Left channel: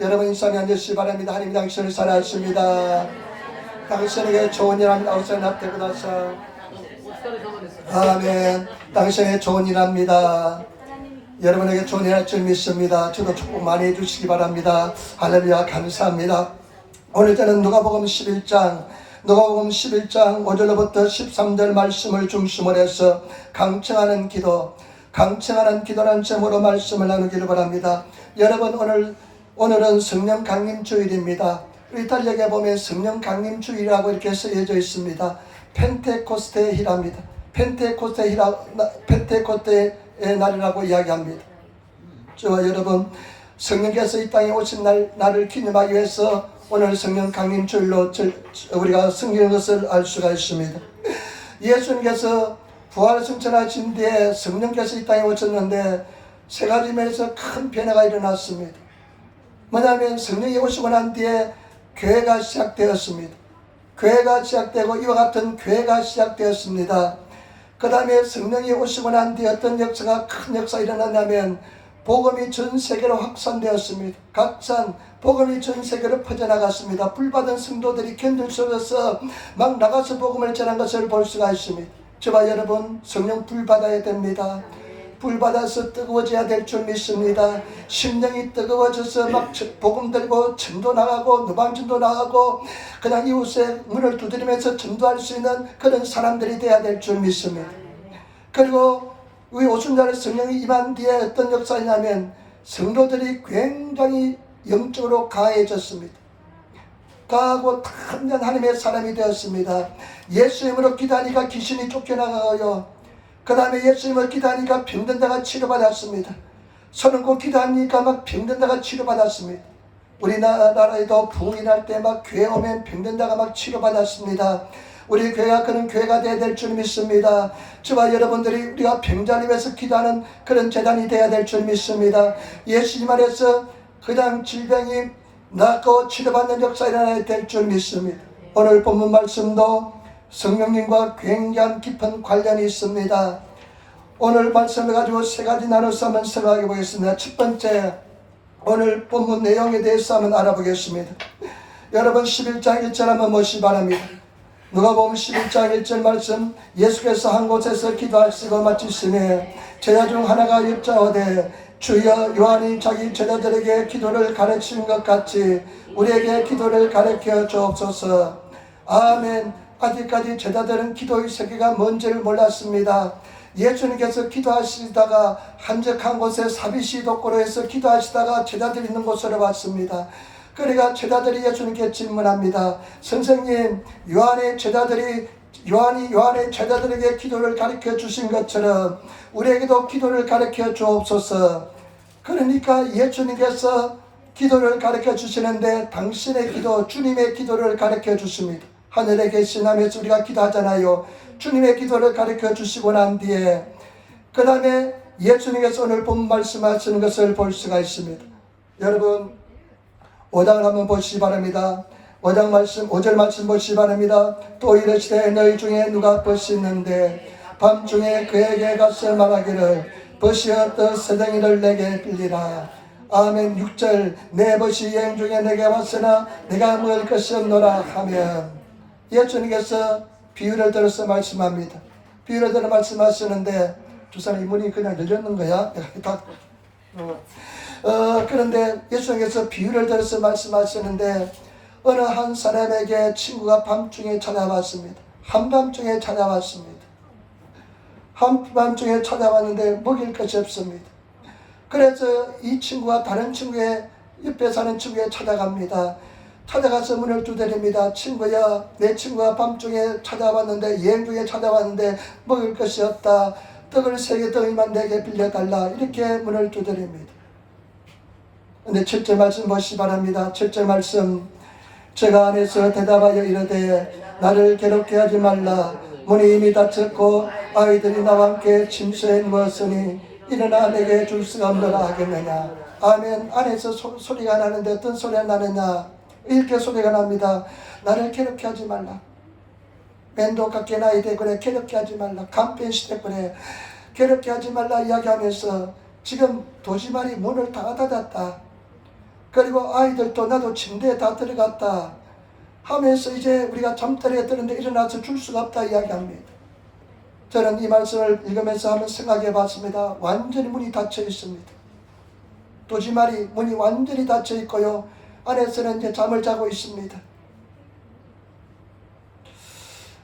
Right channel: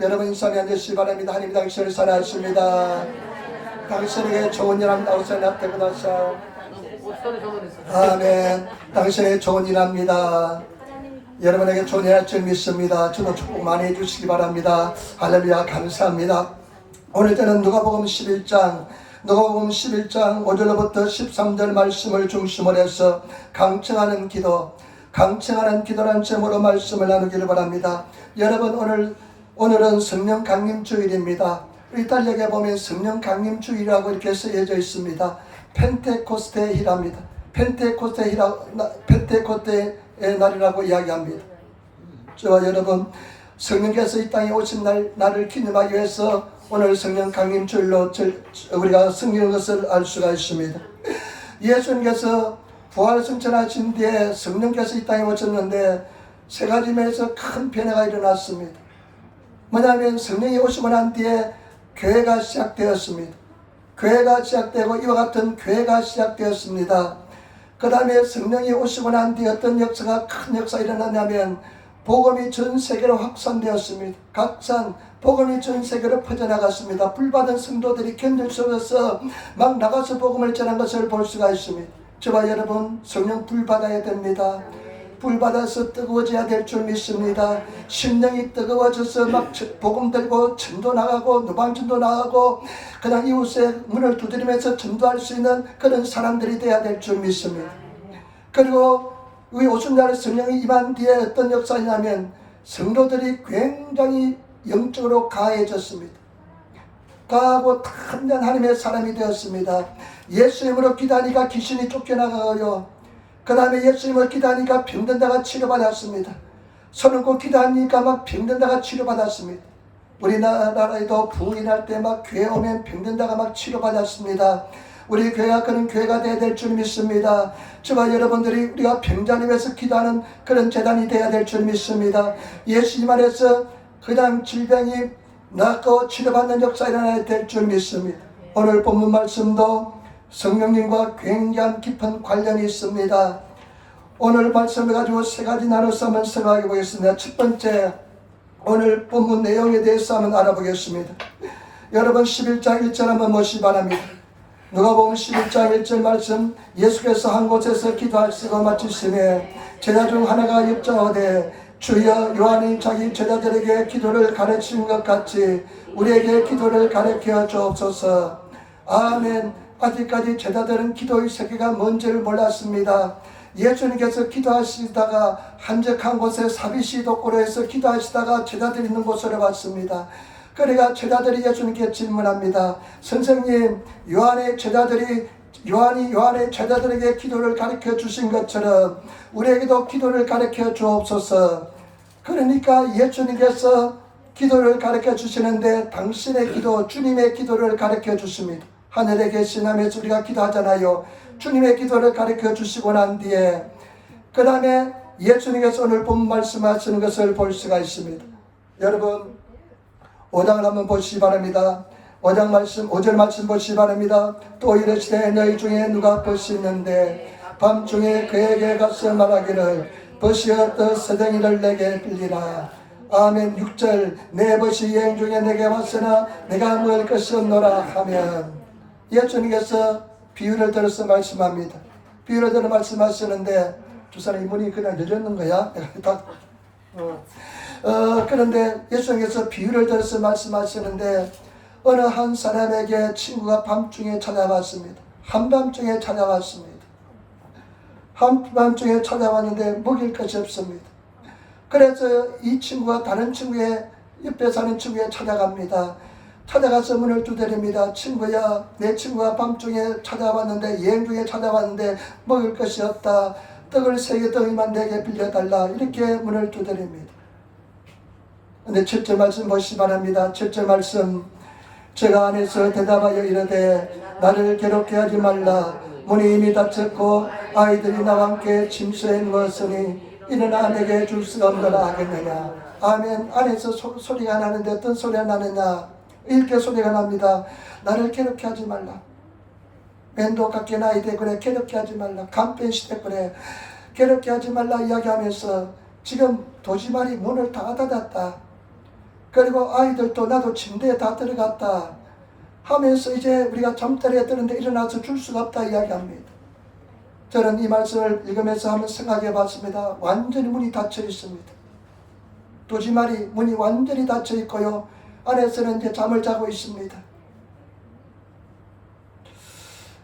여러분 인상에 앉으시기 바랍니다. 하나님 당신을 사랑하십니다. 당신에게 좋은 일 나오셔 나타나사. 아멘. 당신에게 좋은 일 합니다. 여러분에게 좋은 일 할 줄 믿습니다. 저도 축복 많이 해주시기 바랍니다. 할렐루야. 감사합니다. 오늘 저는 누가복음 11장 5절로부터 13절 말씀을 중심으로 해서 강청하는 기도라는 제목으로 말씀을 나누기를 바랍니다. 여러분 오늘은 성령 강림 주일입니다. 이탈리아에 보면 성령 강림 주일이라고 이렇게 쓰여져 있습니다. 펜테코스테의 희랍니다. 펜테코스테의 날이라고 이야기합니다. 저와 여러분 성령께서 이 땅에 오신 날을 기념하기 위해서 오늘 성령 강림 주일로 우리가 섬기는 것을 알 수가 있습니다. 예수님께서 부활 승천하신 뒤에 성령께서 이 땅에 오셨는데 세 가지 면에서 큰 변화가 일어났습니다. 뭐냐면 성령이 오시고 난 뒤에 교회가 시작되었습니다. 교회가 시작되고 이와 같은 교회가 시작되었습니다. 그 다음에 성령이 오시고 난 뒤에 어떤 큰 역사가 일어났냐면 복음이 전 세계로 확산되었습니다. 복음이 전 세계로 퍼져나갔습니다. 불받은 성도들이 견딜 수 없어서 막 나가서 복음을 전한 것을 볼 수가 있습니다. 저와 여러분 성령 불받아야 됩니다. 불받아서 뜨거워져야 될 줄 믿습니다. 심령이 뜨거워져서 막 복음 들고 전도 나가고 노방전도 나가고 그냥 이웃의 문을 두드리면서 전도할 수 있는 그런 사람들이 되어야 될 줄 믿습니다. 그리고 우리 오순절 성령이 임한 뒤에 어떤 역사냐면 성도들이 굉장히 영적으로 강해졌습니다. 강하고 탐난 하나님의 사람이 되었습니다. 예수 이름으로 기도하니까 귀신이 쫓겨나가요. 그 다음에 예수 이름으로 기도하니까 병든 자가 치료받았습니다. 손 얹고 기도하니까 막 병든 자가 치료받았습니다. 우리나라에도 부흥이 날 때 막 교회 오면 병든 자가 막 치료받았습니다. 우리 교회가 그런 교회가 되어야 될 줄 믿습니다. 저와 여러분들이 우리가 병자를 위해서 기도하는 그런 재단이 되어야 될 줄 믿습니다. 예수님 안에서 그냥 질병이 낫고 치료받는 역사가 일어나야 될 줄 믿습니다. 오늘 본문 말씀도 성령님과 굉장히 깊은 관련이 있습니다. 오늘 말씀을 가지고 세 가지 나눠서 한번 생각해 보겠습니다. 첫 번째, 오늘 본문 내용에 대해서 한번 알아보겠습니다. 여러분 11장 1절 한번 보시기 바랍니다. 누가복음 11장 1절 말씀, 예수께서 한 곳에서 기도하시고 마치시매 제자 중 하나가 여짜오되 주여 요한이 자기 제자들에게 기도를 가르친 것 같이 우리에게 기도를 가르쳐 주옵소서. 아멘. 아직까지 제자들은 기도의 세계가 뭔지를 몰랐습니다. 예수님께서 기도하시다가 한적한 곳에 사비시 독고로에서 기도하시다가 제자들이 있는 곳으로 왔습니다. 그러니까 제자들이 예수님께 질문합니다. 선생님, 요한의 제자들에게 기도를 가르쳐 주신 것처럼 우리에게도 기도를 가르쳐 주옵소서. 그러니까 예수님께서 기도를 가르쳐 주시는데 당신의 기도, 주님의 기도를 가르쳐 주십니다. 하늘에 계신 하나님께서 우리가 기도하잖아요. 주님의 기도를 가르쳐 주시고 난 뒤에 그 다음에 예수님께서 오늘 본 말씀하시는 것을 볼 수가 있습니다. 여러분 5장을 한번 보시기 바랍니다. 5절 말씀 보시기 바랍니다. 또 이르시되 너희 중에 누가 벗이 있는데 밤중에 그에게 가서 말하기를 벗이 어떤 서댕이를 내게 빌리라. 아멘. 6절 내 벗이 여행 중에 내게 왔으나 내가 먹을 것이 없노라 하면 예수님께서 비유를 들어서 말씀합니다. 비유를 들어 말씀하시는데 두 사람이 문이 그냥 열렸는 거야. 그런데 예수님께서 비유를 들어서 말씀하시는데 어느 한 사람에게 친구가 밤중에 찾아왔습니다. 한밤중에 찾아왔습니다. 한밤중에 찾아왔는데 먹일 것이 없습니다. 그래서 이 친구가 다른 친구의 옆에 사는 친구에 찾아갑니다. 찾아가서 문을 두드립니다. 친구야, 내 친구가 밤중에 찾아왔는데 여행 중에 찾아왔는데 먹을 것이 없다. 떡을 3개 덩이만 내게 빌려달라. 이렇게 문을 두드립니다. 근데 7절 말씀 보시기 바랍니다. 7절 말씀, 제가 안에서 대답하여 이르되 나를 괴롭게 하지 말라. 문이 이미 닫혔고 아이들이 나와 함께 침소에 누웠으니 일어나 내게 줄 수가 없노라 하겠느냐. 아멘. 안에서 소리가 나는데 어떤 소리가 나느냐. 이렇게 소리가 납니다. 나를 괴롭게 하지 말라. 맨도 갖게 나이 돼 그래. 괴롭게 하지 말라. 간편 시대 그래. 괴롭게 하지 말라 이야기하면서 지금 도시말이 문을 다 닫았다. 그리고 아이들도 나도 침대에 다 들어갔다 하면서 이제 우리가 잠자리에 드는데 일어나서 줄 수가 없다 이야기합니다. 저는 이 말씀을 읽으면서 한번 생각해 봤습니다. 완전히 문이 닫혀 있습니다. 도지말이 문이 완전히 닫혀 있고요. 안에서는 이제 잠을 자고 있습니다.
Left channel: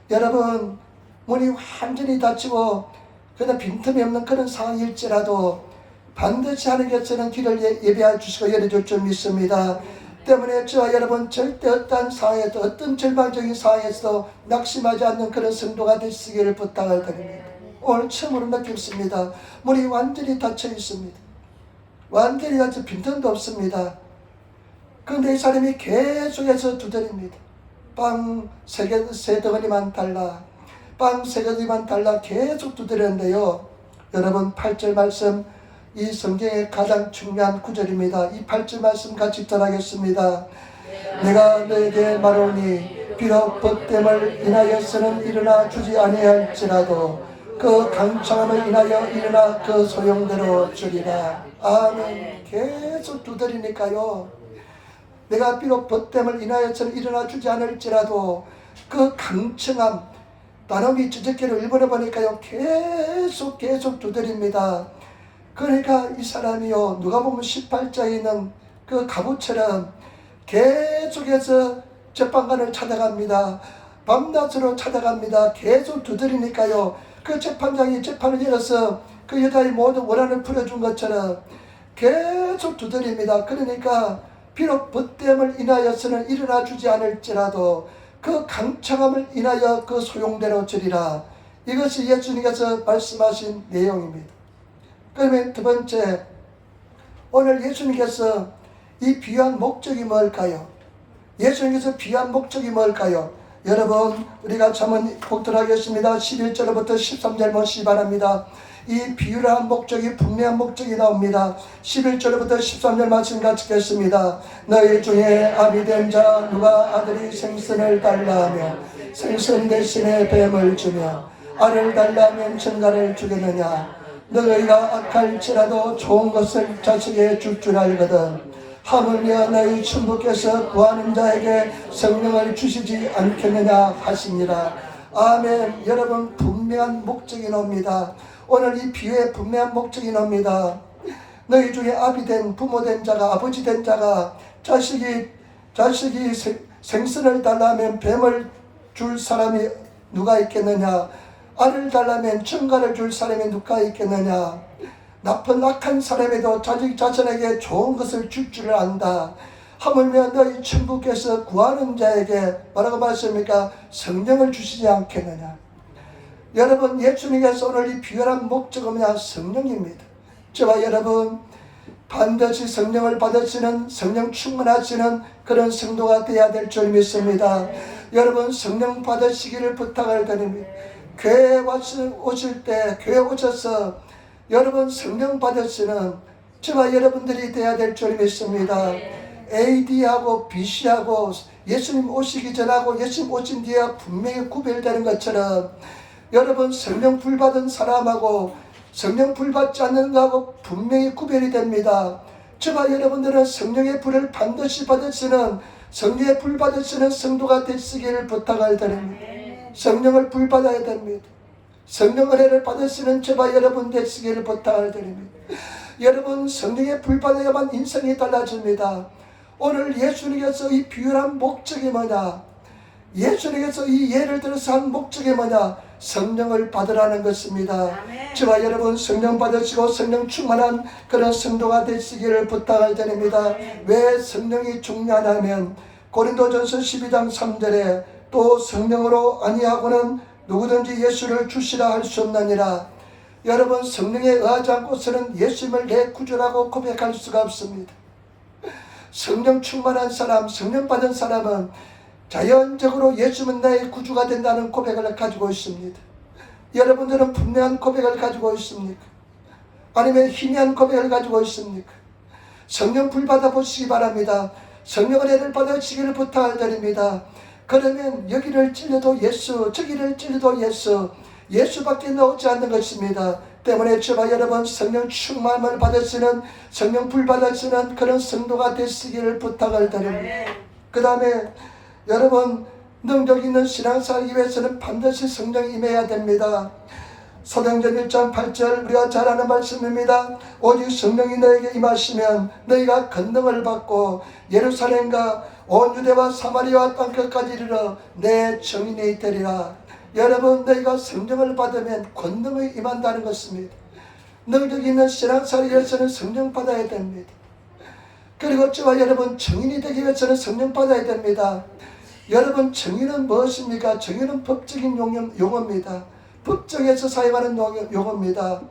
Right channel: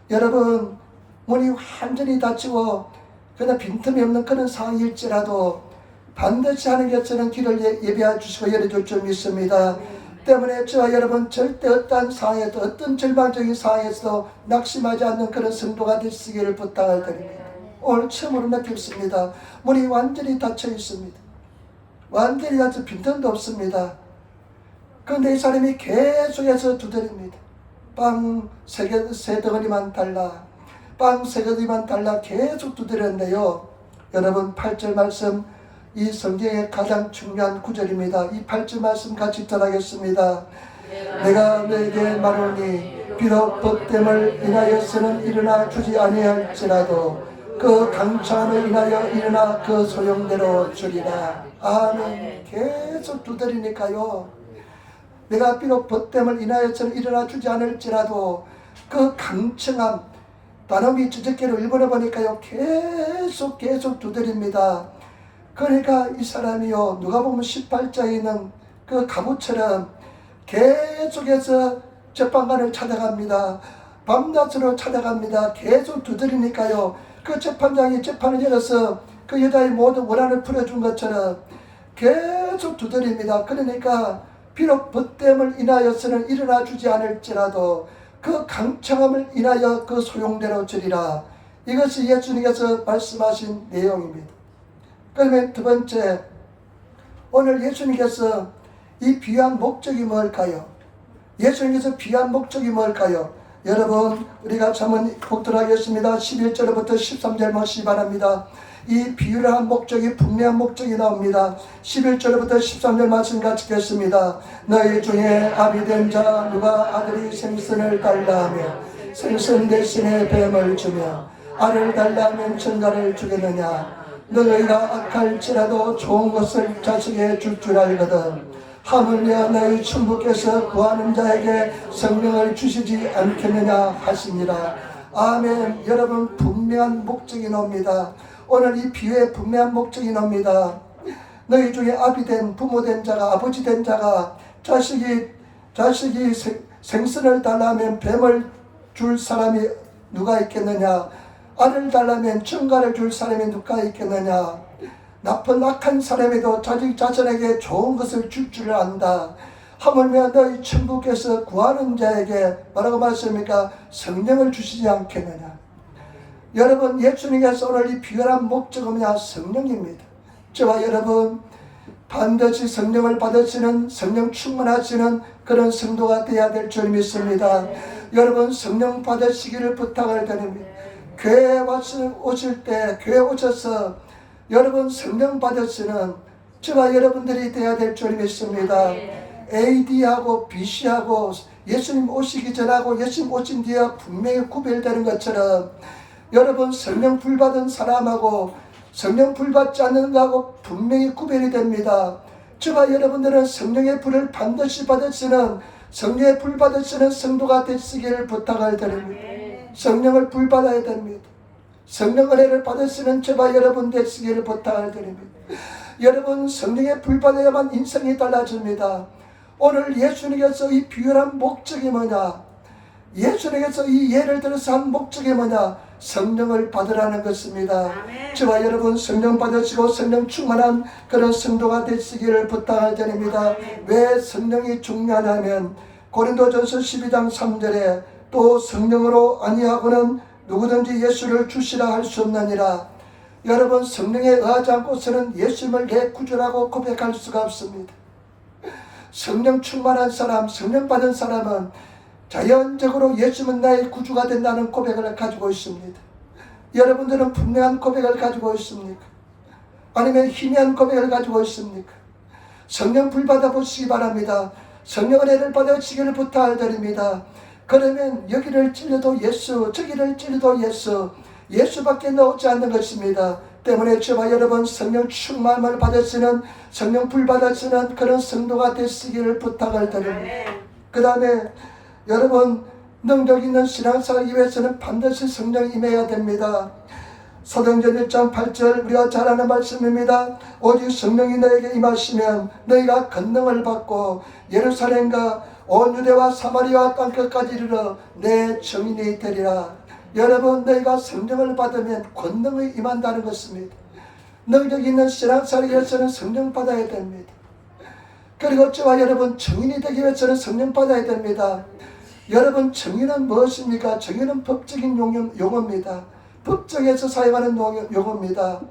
여러분, 문이 완전히 닫히고 그냥 빈틈이 없는 그런 상황일지라도 반드시 하나님께서는 길을 예비해 주시고 열어줄 줄 믿습니다. 때문에 저와 여러분 절대 어떠한 상황에도 어떤 절망적인 상황에서도 낙심하지 않는 그런 성도가 되시기를 부탁을 드립니다. 오늘 처음으로 느꼈습니다. 문이 완전히 닫혀 있습니다. 완전히 닫혀 빈틈도 없습니다. 그런데 이 사람이 계속해서 두드립니다. 빵 세 덩어리만 달라, 빵 세 덩어리만 달라 계속 두드렸는데요. 여러분 8절 말씀, 이 성경의 가장 중요한 구절입니다. 이 8절 말씀 같이 전하겠습니다. 내가 너에게 말하오니 비록 법됨을 인하여서는 일어나 주지 아니할지라도 그 강창함을 인하여 일어나 그 소용대로 주리라. 아멘. 계속 두드리니까요. 내가 비록 법됨을 인하여서는 일어나 주지 않을지라도 그 강청함, 단어미 주적기를 일본에 보니까요 계속 두드립니다. 그러니까 이 사람이요, 누가 보면 18장에 있는 그 가부처럼 계속해서 재판관을 찾아갑니다. 밤낮으로 찾아갑니다. 계속 두드리니까요, 그 재판장이 재판을 열어서 그 여자의 모든 원한을 풀어준 것처럼 계속 두드립니다. 그러니까 비록 법됨을 인하여서는 일어나 주지 않을지라도 그 강청함을 인하여 그 소용대로 주리라. 이것이 예수님께서 말씀하신 내용입니다. 그러면 두 번째, 오늘 예수님께서 이 비유한 목적이 뭘까요? 예수님께서 비유한 목적이 뭘까요? 여러분, 우리가 한번 보도록 하겠습니다. 11절부터 13절 보시기 바랍니다. 이 비유를 한 목적이, 분명한 목적이 나옵니다. 11절부터 13절 말씀 같이 읽겠습니다. 너희 중에 아비된 자 누가 아들이 생선을 달라 하면 생선 대신에 뱀을 주며 알을 달라 하면 전갈을 주겠느냐? 너희가 악할지라도 좋은 것을 자식에게 줄 줄 알거든 하물며 너희 천부께서 구하는 자에게 성령을 주시지 않겠느냐 하시니라. 아멘. 여러분, 분명한 목적이 나옵니다. 오늘 이 비유의 분명한 목적이 나옵니다. 너희 중에 아비된, 부모된 자가, 아버지된 자가 자식이 생선을 달라면 뱀을 줄 사람이 누가 있겠느냐? 알을 달라면 전갈을 줄 사람이 누가 있겠느냐? 나쁜 악한 사람에도 자신에게 좋은 것을 줄 줄 안다. 하물며 너희 천부께서 구하는 자에게 뭐라고 말씀합니까? 성령을 주시지 않겠느냐? 여러분, 예수님께서 오늘 이 비유한 목적은 뭐냐? 성령입니다. 저와 여러분 반드시 성령을 받으시는, 성령 충만하시는 그런 성도가 되어야 될 줄 믿습니다. 여러분, 성령 받으시기를 부탁을 드립니다. 교회에 오실 때, 교회에 오셔서 여러분 성령 받으시는 저와 여러분들이 되어야 될 줄 믿습니다. AD하고 BC하고 예수님 오시기 전하고 예수님 오신 뒤에 분명히 구별되는 것처럼 여러분 성령 불 받은 사람하고 성령 불 받지 않는 것하고 분명히 구별이 됩니다. 저와 여러분들은 성령의 불을 반드시 받으시는, 성령의 불 받으시는 성도가 되시기를 부탁을 드립니다. 성령을 불 받아야 됩니다. 성령 은혜를 받으시는 저와 여러분 되시기를 부탁을 드립니다. 여러분, 성령의 불 받아야만 인생이 달라집니다. 오늘 예수님께서 이 비유한 목적이 뭐냐? 예수님께서 이 예를 들어서 한 목적이 뭐냐? 성령을 받으라는 것입니다. 저와 여러분 성령 받으시고 성령 충만한 그런 성도가 되시기를 부탁을 드립니다. 왜 성령이 중요하냐면 고린도전서 12장 3절에 또 성령으로 아니하고는 누구든지 예수를 주시라 할 수 없느니라. 여러분, 성령에 의하지 않고서는 예수님을 내 구주라고 고백할 수가 없습니다. 성령 충만한 사람, 성령 받은 사람은 자연적으로 예수님은 나의 구주가 된다는 고백을 가지고 있습니다. 여러분들은 분명한 고백을 가지고 있습니까? 아니면 희미한 고백을 가지고 있습니까? 성령 불 받아보시기 바랍니다. 성령 은혜를 받으시기를 부탁을 드립니다. 그러면 여기를 찔러도 예수, 저기를 찔러도 예수, 예수밖에 나오지 않는 것입니다. 때문에 저와 여러분 성령 충만을 받으시는, 성령 불 받으시는 그런 성도가 되시기를 부탁을 드립니다. 그 다음에 여러분, 능력 있는 신앙 살기 위해서는 반드시 성령이 임해야 됩니다. 사도행전 1장 8절 우리가 잘 아는 말씀입니다. 오직 성령이 너에게 임하시면 너희가 권능을 받고 예루살렘과 온 유대와 사마리아와 땅끝까지 이르러 내 증인이 되리라. 여러분, 너희가 성령을 받으면 권능이 임한다는 것입니다. 능력 있는 신앙 살기 위해서는 성령 받아야 됩니다. 그리고 저와 여러분, 증인이 되기 위해서는 성령 받아야 됩니다. 여러분, 증인은 무엇입니까? 증인은 법적인 용어입니다. 법정에서 사용하는 용어입니다.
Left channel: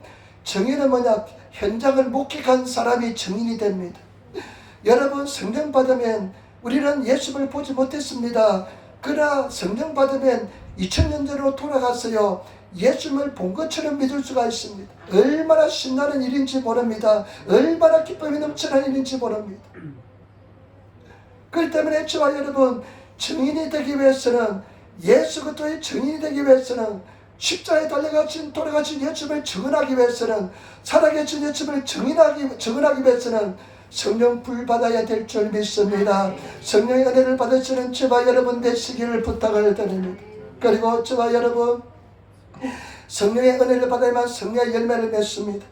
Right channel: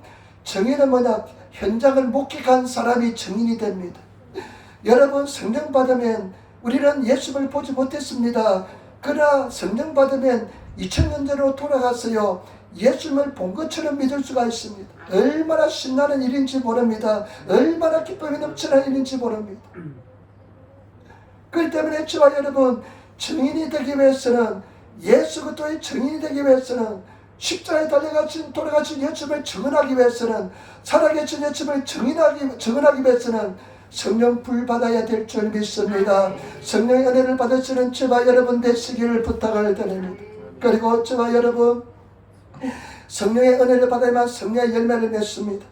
증인은 뭐냐? 현장을 목격한 사람이 증인이 됩니다. 여러분, 성령 받으면 우리는 예수를 보지 못했습니다. 그러나 성령 받으면 2000년 전으로 돌아갔어요. 예수님을 본 것처럼 믿을 수가 있습니다. 얼마나 신나는 일인지 모릅니다. 얼마나 기쁨이 넘치는 일인지 모릅니다. 그렇기 때문에 저와 여러분, 증인이 되기 위해서는, 예수 그리스도의 증인이 되기 위해서는, 십자가에 돌아가신 예수님을 증언하기 위해서는, 살아계신 예수님을 증언하기 위해서는 성령 불 받아야 될 줄 믿습니다. 성령의 은혜를 받으시는 저와 여러분 되시기를 부탁을 드립니다. 그리고 저와 여러분, 성령의 은혜를 받아야만 성령의 열매를 맺습니다.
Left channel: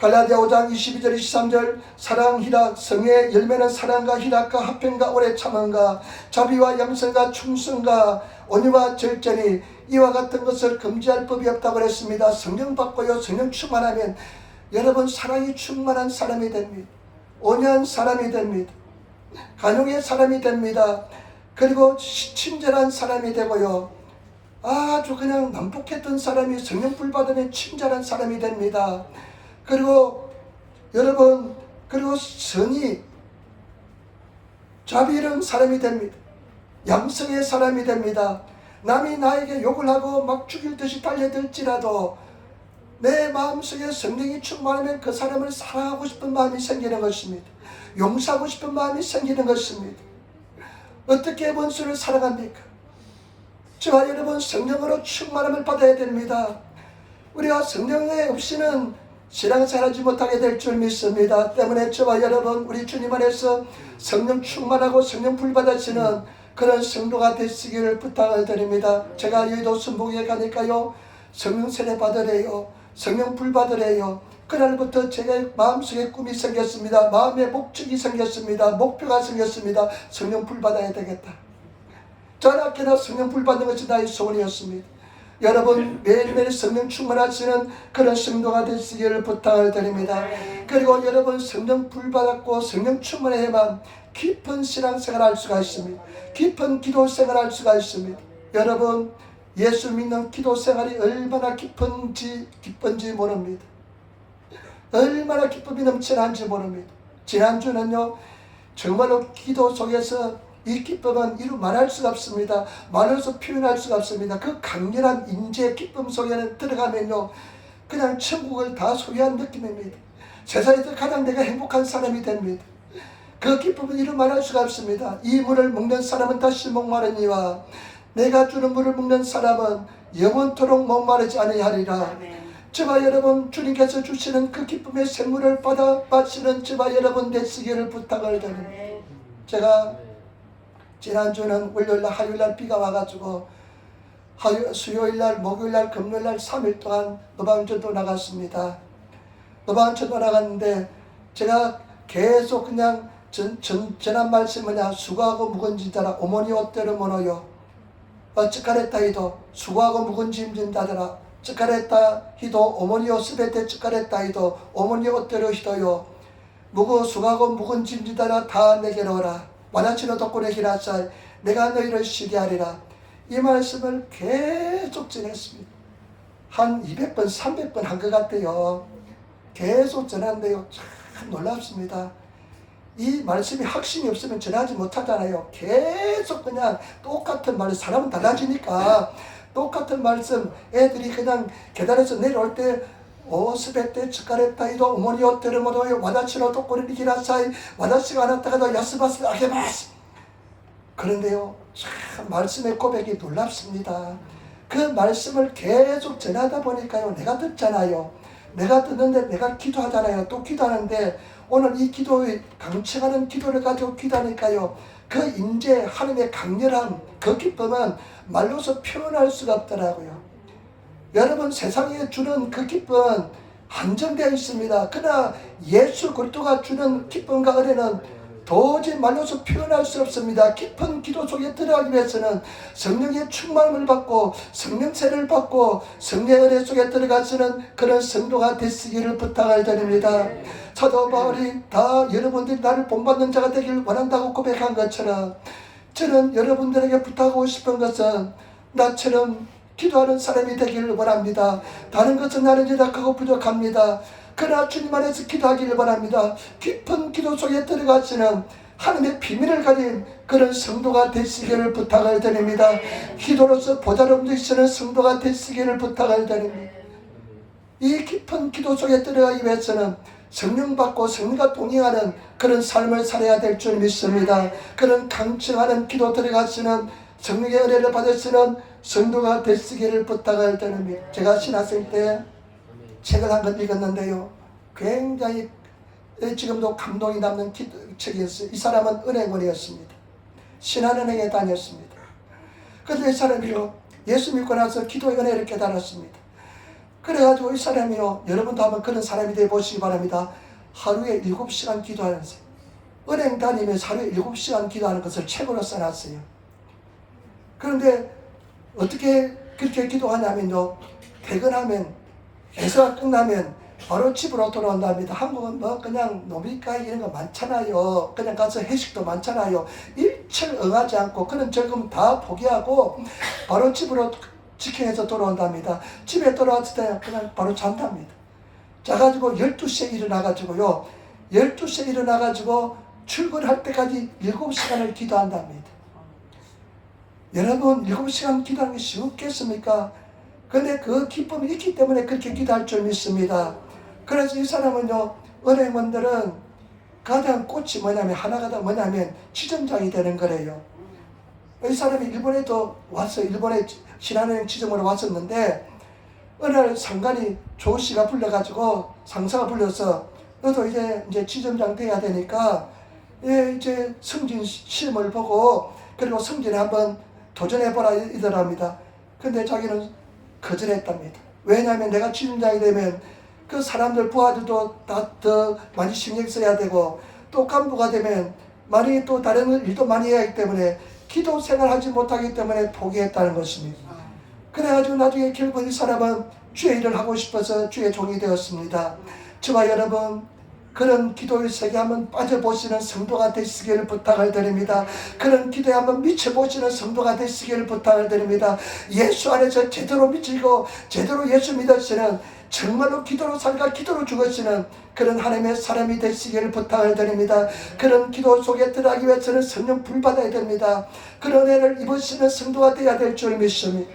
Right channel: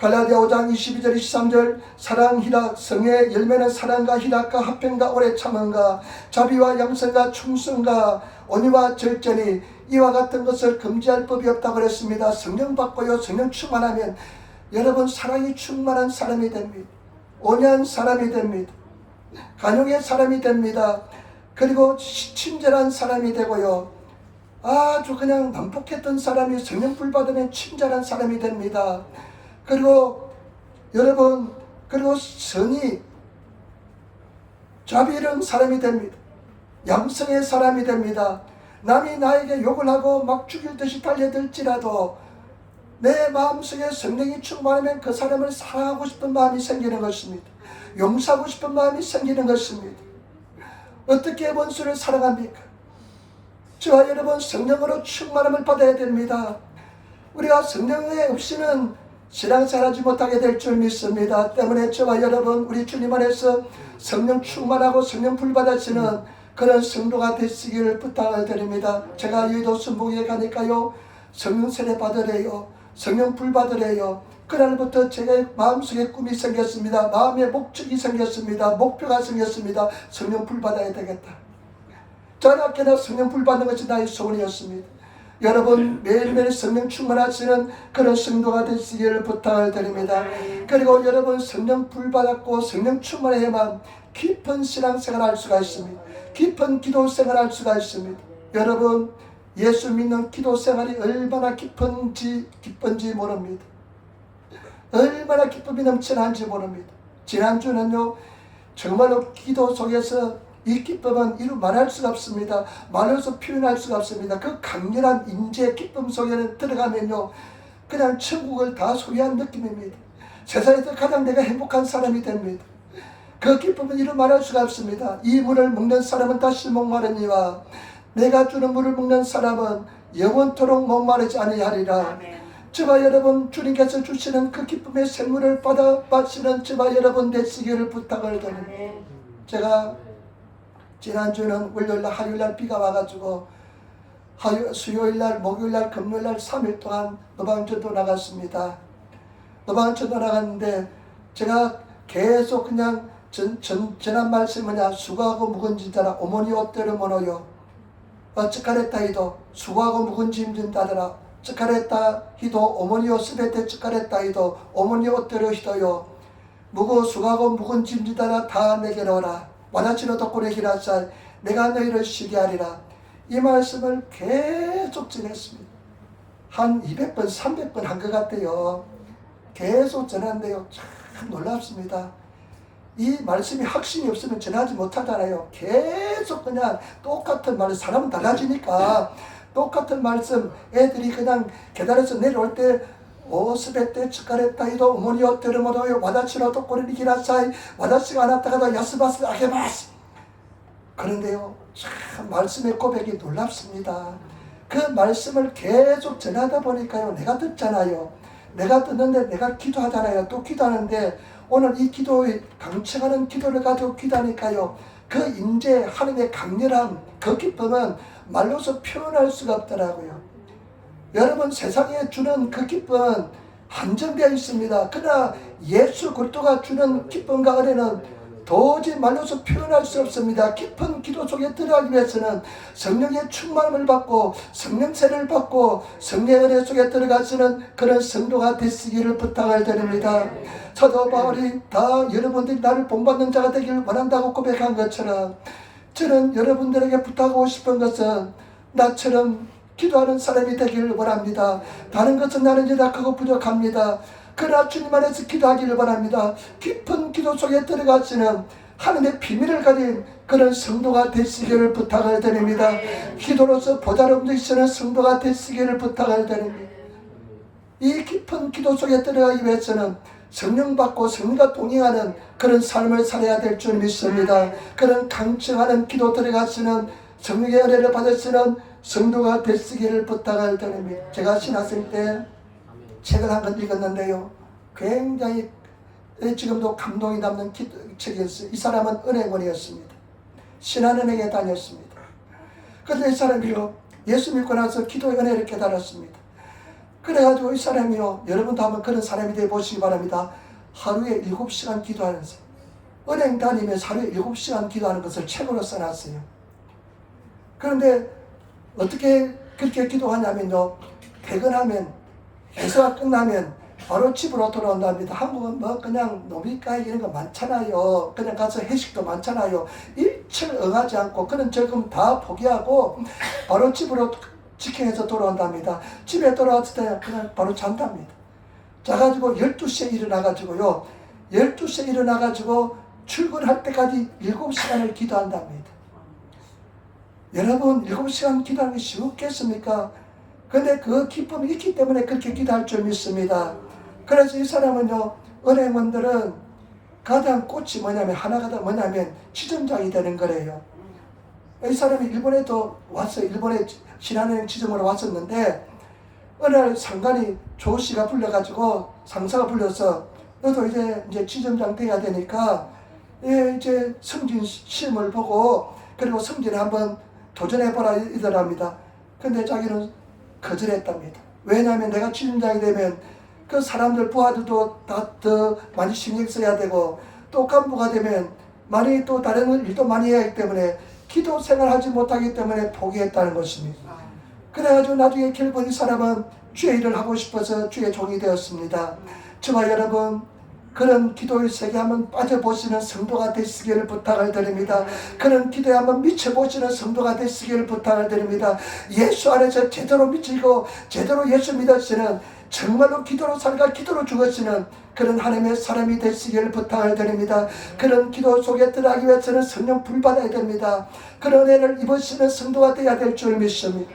갈라디아 5장 22절 23절 사랑, 희락, 성의 열매는 사랑과 희락과 화평과 오래 참음과 자비와 양선과 충성과 온유와 절제니 이와 같은 것을 금지할 법이 없다고 그랬습니다. 성령 받고요, 성령 충만하면 여러분 사랑이 충만한 사람이 됩니다. 온유한 사람이 됩니다. 간용의 사람이 됩니다. 그리고 친절한 사람이 되고요, 아주 그냥 난폭했던 사람이 성령 불 받으면 친절한 사람이 됩니다. 그리고 여러분, 그리고 선이 자비로운 사람이 됩니다. 양성의 사람이 됩니다. 남이 나에게 욕을 하고 막 죽일 듯이 달려들지라도 내 마음속에 성령이 충만하면 그 사람을 사랑하고 싶은 마음이 생기는 것입니다. 용서하고 싶은 마음이 생기는 것입니다. 어떻게 원수를 사랑합니까? 저와 여러분, 성령으로 충만함을 받아야 됩니다. 우리가 성령에 없이는 신앙생활하지 못하게 될 줄 믿습니다. 때문에 저와 여러분, 우리 주님 안에서 성령 충만하고 성령 불 받으시는 그런 성도가 되시기를 부탁을 드립니다. 제가 여의도 순복에 가니까요, 성령 세례 받으래요, 성령 불 받으래요. 그날부터 제 마음속에 꿈이 생겼습니다. 마음에 목적이 생겼습니다. 목표가 생겼습니다. 성령 불 받아야 되겠다. 저녁에나 성령 불 받는 것이 나의 소원이었습니다. 여러분, 매일매일 성령 충만하시는 그런 성도가 되시기를 부탁을 드립니다. 그리고 여러분, 성령 불 받았고 성령 충만해야만 깊은 신앙생활을 할 수가 있습니다. 깊은 기도생활을 할 수가 있습니다. 여러분, 예수 믿는 기도생활이 얼마나 깊은지 모릅니다. 얼마나 기쁨이 넘치는지 모릅니다. 지난주는요, 정말로 기도 속에서 이 기쁨은 이루 말할 수가 없습니다. 말로서 표현할 수가 없습니다. 그 강렬한 인재의 기쁨 속에는 들어가면요, 그냥 천국을 다 소유한 느낌입니다. 세상에서 가장 내가 행복한 사람이 됩니다. 그 기쁨은 이루 말할 수가 없습니다. 이 물을 먹는 사람은 다시 목마르니와 내가 주는 물을 먹는 사람은 영원토록 목마르지 아니하리라. 저와 여러분, 주님께서 주시는 그 기쁨의 생물을 받아 마시는 저와 여러분 되시기를 부탁을 드립니다. 제가 지난주는 월요일날 화요일날 비가 와가지고 수요일날 목요일날 금요일날 3일 동안 노방전도 나갔습니다. 노방전도 나갔는데 제가 계속 그냥 전한 말씀 뭐냐, 수고하고 묵은 짐자라 어머니 옷대로 모노요 찌카레타 히도 수고하고 묵은 짐진다더라 찌카레타 히도 어머니 옷 스베테 찌카레타 히도 어머니 옷대로 히도요 무거 수고하고 묵은 짐지다라 다 내게로 오라 와다치노 덕분에 기라사이 내가 너희를 쉬게 하리라. 이 말씀을 계속 전했습니다. 한 200번 300번 한 것 같아요. 계속 전하는데요, 참 놀랍습니다. 이 말씀이 확신이 없으면 전하지 못하잖아요. 계속 그냥 똑같은 말을, 사람은 달라지니까 똑같은 말씀, 애들이 그냥 계단에서 내려올 때 오스베테 츠카레타이도 어머니오 테르모도요 와다치노 도코리니 기라사이 와다치가 아나타가도 야스바스 아게마스. 그런데요, 참 말씀의 고백이 놀랍습니다. 그 말씀을 계속 전하다 보니까요, 내가 듣잖아요. 내가 듣는데 내가 기도하잖아요. 또 기도하는데 오늘 이 기도의 강청하는 기도를 가지고 기도하니까요, 그 임재 하나님의 강렬한 그 기쁨은 말로서 표현할 수가 없더라고요. 여러분, 세상에 주는 그 기쁨은 한정되어 있습니다. 그러나 예수 그리스도가 주는 기쁨과 은혜는 도저히 말로서 표현할 수 없습니다. 깊은 기도 속에 들어가기 위해서는 성령의 충만함을 받고 성령세를 받고 성령의 은혜 속에 들어가시는 그런 성도가 되시기를 부탁을 드립니다. 사도 바울이 다 여러분들이 나를 본받는 자가 되기를 원한다고 고백한 것처럼, 저는 여러분들에게 부탁하고 싶은 것은 나처럼 기도하는 사람이 되기를 원합니다. 다른 것은 나는 연약하고 부족합니다. 그러나 주님 안에서 기도하기를 바랍니다. 깊은 기도 속에 들어가시는 하나님의 비밀을 가진 그런 성도가 되시기를 부탁을 드립니다. 기도로서 보좌를 움직이시는 성도가 되시기를 부탁을 드립니다. 이 깊은 기도 속에 들어가기 위해서는 성령 받고 성령과 동행하는 그런 삶을 살아야 될 줄 믿습니다. 그런 강청하는 기도 들어가시는 성령의 은혜를 받으시는 성도가 되시기를 부탁을 드립니다. 제가 신학생 때 책을 한 권 읽었는데요, 굉장히 지금도 감동이 남는 책이었어요. 이 사람은 은행원이었습니다. 신한은행에 다녔습니다. 그런데 이 사람이요, 예수 믿고 나서 기도의 은혜를 깨달았습니다. 그래가지고 이 사람이요, 여러분도 한번 그런 사람이 되어 보시기 바랍니다. 하루에 7시간 기도하는 사람, 은행 다니면서 하루에 7시간 기도하는 것을 책으로 써놨어요. 그런데 어떻게 그렇게 기도하냐면요, 퇴근하면 회사가 끝나면 바로 집으로 돌아온답니다. 한국은 뭐 그냥 노비가이 이런 거 많잖아요. 그냥 가서 회식도 많잖아요. 일철 응하지 않고 그런 즐거움 다 포기하고 바로 집으로 직행해서 돌아온답니다. 집에 돌아왔을 때 그냥 바로 잔답니다. 자가지고 12시에 일어나가지고요, 12시에 일어나가지고 출근할 때까지 7시간을 기도한답니다. 여러분, 7시간 기도하는 게 쉽겠습니까? 근데 그 기쁨이 있기 때문에 그렇게 기도할 줄 믿습니다. 그래서 이 사람은요, 은행원들은 가장 꽃이 뭐냐면, 하나가 다 뭐냐면 지점장이 되는 거래요. 이 사람이 일본에도 왔어요. 일본에 신한은행 지점으로 왔었는데, 어느 날 상관이 조 씨가 불러가지고, 상사가 불러서 너도 이제 지점장 돼야 되니까 이제 승진 시험을 보고 그리고 승진에 한번 도전해보라 이더랍니다. 근데 자기는 거절했답니다. 왜냐하면 내가 지점장이 되면 그 사람들 부하들도 다 더 많이 신경 써야 되고, 또 간부가 되면 많이 또 다른 일도 많이 해야 하기 때문에 기도 생활하지 못하기 때문에 포기했다는 것입니다. 그래가지고 나중에 결국 이 사람은 주의 일을 하고 싶어서 주의 종이 되었습니다. 저와 여러분, 그런 기도의 세계에 한번 빠져보시는 성도가 되시기를 부탁을 드립니다. 그런 기도에 한번 미쳐보시는 성도가 되시기를 부탁을 드립니다. 예수 안에서 제대로 미치고 제대로 예수 믿으시는, 정말로 기도로 살까 기도로 죽으시는 그런 하나님의 사람이 되시기를 부탁을 드립니다. 그런 기도 속에 들어가기 위해서는 성령 불받아야 됩니다. 그런 은혜를 입으시는 성도가 되어야 될 줄 믿습니다.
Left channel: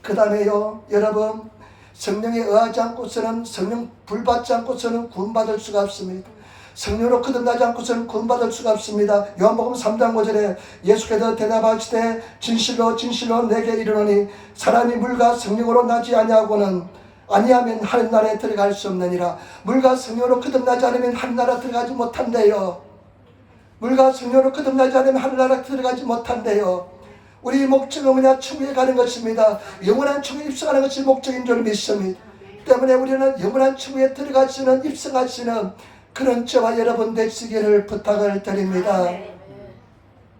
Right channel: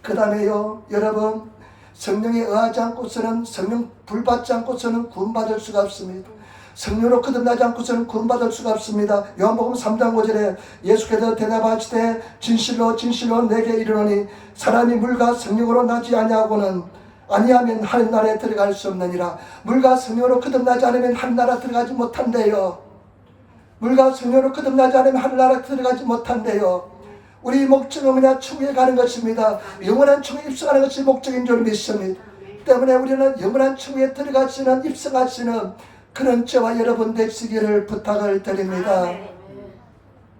그 다음에요, 여러분, 성령에 의하지 않고서는, 성령 불받지 않고서는 구원받을 수가 없습니다. 성령으로 거듭나지 않고서는 구원받을 수가 없습니다. 요한복음 3장 5절에 예수께서 대답하시되 진실로 진실로 내게 이르노니 사람이 물과 성령으로 나지 아니하면 하늘나라에 들어갈 수 없느니라. 물과 성령으로 거듭나지 않으면 하늘나라 들어가지 못한대요. 물과 성령으로 거듭나지 않으면 하늘나라 들어가지 못한대요. 우리 목적은 뭐냐? 천국에 가는 것입니다. 영원한 천국에 입성하는 것이 목적인 줄 믿습니다. 때문에 우리는 영원한 천국에 들어가시는, 입성하시는 그런 저와 여러분 되시기를 부탁을 드립니다.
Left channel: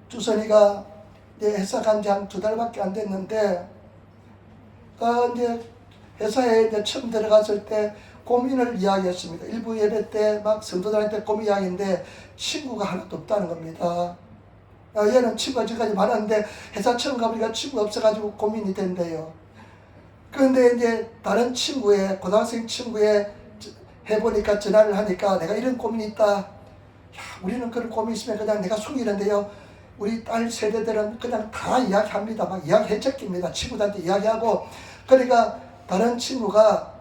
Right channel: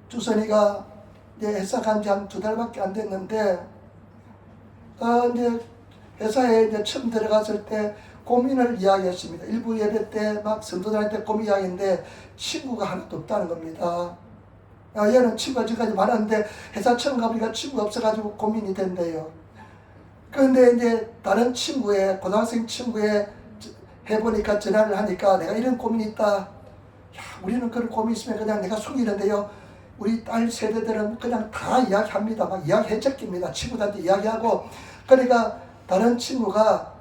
주선이가 이제 회사 간 지 한 2달밖에 안 됐는데, 이제 회사에 이제 처음 들어갔을 때 고민을 이야기했습니다. 일부 예배 때 막 성도들한테 고민 이야기인데 친구가 하나도 없다는 겁니다. 얘는 친구가 지금까지 많았는데 회사 처음 가보니까 친구가 없어가지고 고민이 된대요. 그런데 이제 다른 친구의, 고등학생 친구의 해보니까 전화를 하니까 내가 이런 고민이 있다. 야, 우리는 그런 고민 있으면 그냥 내가 속이는데요, 우리 딸 세대들은 그냥 다 이야기합니다. 막 이야기 해적깁니다. 친구들한테 이야기하고. 그러니까 다른 친구가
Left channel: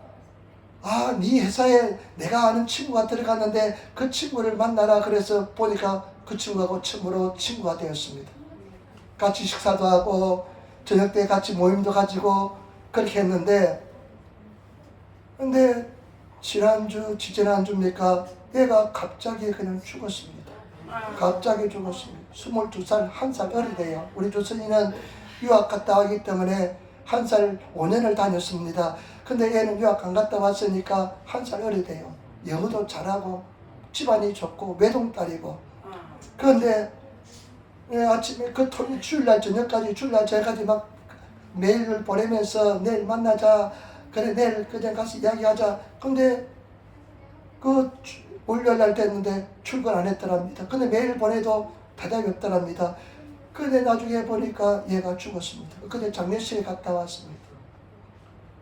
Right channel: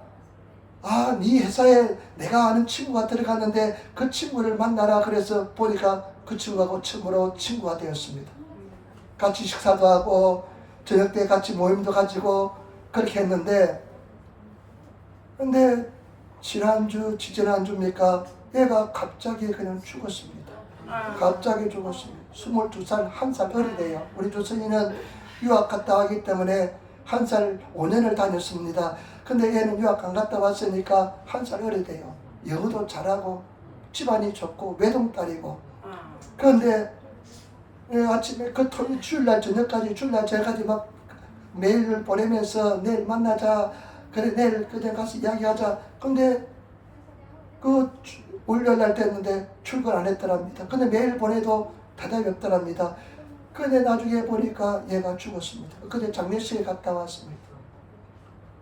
네 회사에 내가 아는 친구가 들어갔는데 그 친구를 만나라. 그래서 보니까 그 친구하고 처음으로 친구가 되었습니다. 같이 식사도 하고 저녁 때 같이 모임도 가지고 그렇게 했는데, 근데 지지난주입니까? 얘가 갑자기 그냥 죽었습니다. 갑자기 죽었습니다. 22살, 1살 어리대요. 우리 조선이는 유학 갔다 왔기 때문에 1살 5년을 다녔습니다. 근데 얘는 유학 안 갔다 왔으니까 1살 어리대요. 영어도 잘하고 집안이 좋고 외동딸이고. 그런데 아침에 그 주일날 저녁까지 주일날 저녁까지 막 메일을 보내면서 내일 만나자, 그래 내일 그냥 가서 이야기하자. 근데 그 월요일날 됐는데 출근 안 했더랍니다. 근데 메일 보내도 대답이 없더랍니다. 근데 나중에 보니까 얘가 죽었습니다. 근데 장례식에 갔다 왔습니다.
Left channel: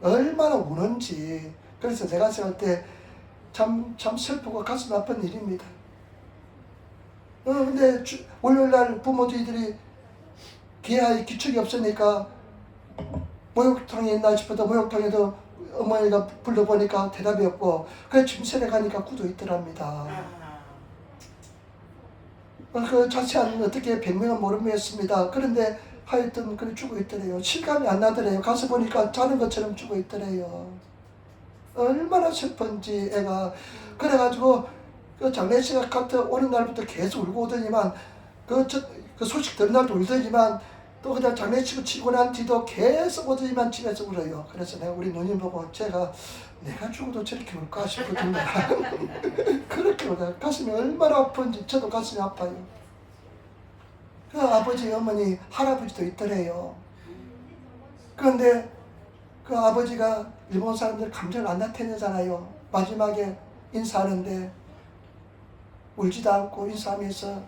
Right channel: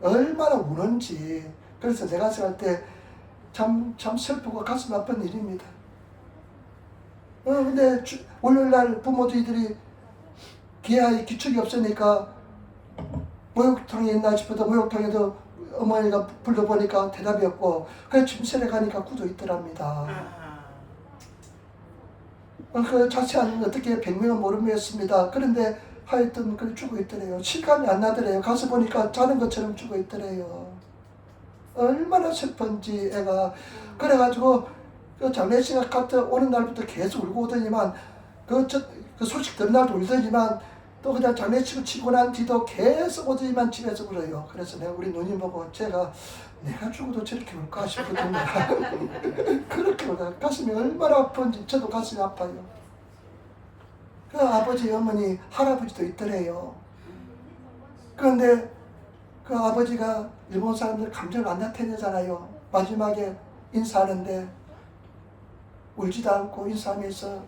얼마나 우는지. 그래서 내가 생각할 때 참 슬프고 가슴 아픈 일입니다. 근데 월요일날 부모들이 기아에 기축이 없으니까 목욕탕에 있나 싶어도 목욕탕에도 어머니가 불러보니까 대답이 없고, 그래 침실에 가니까 구도 있더랍니다. 그 자세한 어떻게 병명은 모르겠습니다. 그런데 하여튼 그래 죽어 있더래요. 실감이 안 나더래요. 가서 보니까 자는 것처럼 죽어 있더래요. 얼마나 슬픈지 애가. 그래가지고 그 장례식에 갔다 오는 날부터 계속 울고 오더니만 그 소식 듣는 날도 울더니만 또 그냥 장례식을 치고 난 뒤도 계속 오더니만 집에서 울어요. 그래서 내가 우리 누님 보고 내가 죽어도 저렇게 울까 싶거든요. 그렇게 울어요. 가슴이 얼마나 아픈지 저도 가슴이 아파요. 그 아버지, 어머니, 할아버지도 있더래요. 그런데 그 아버지가 일본 사람들 감정을 안 나타내잖아요. 마지막에 인사하는데 울지도 않고 인사하면서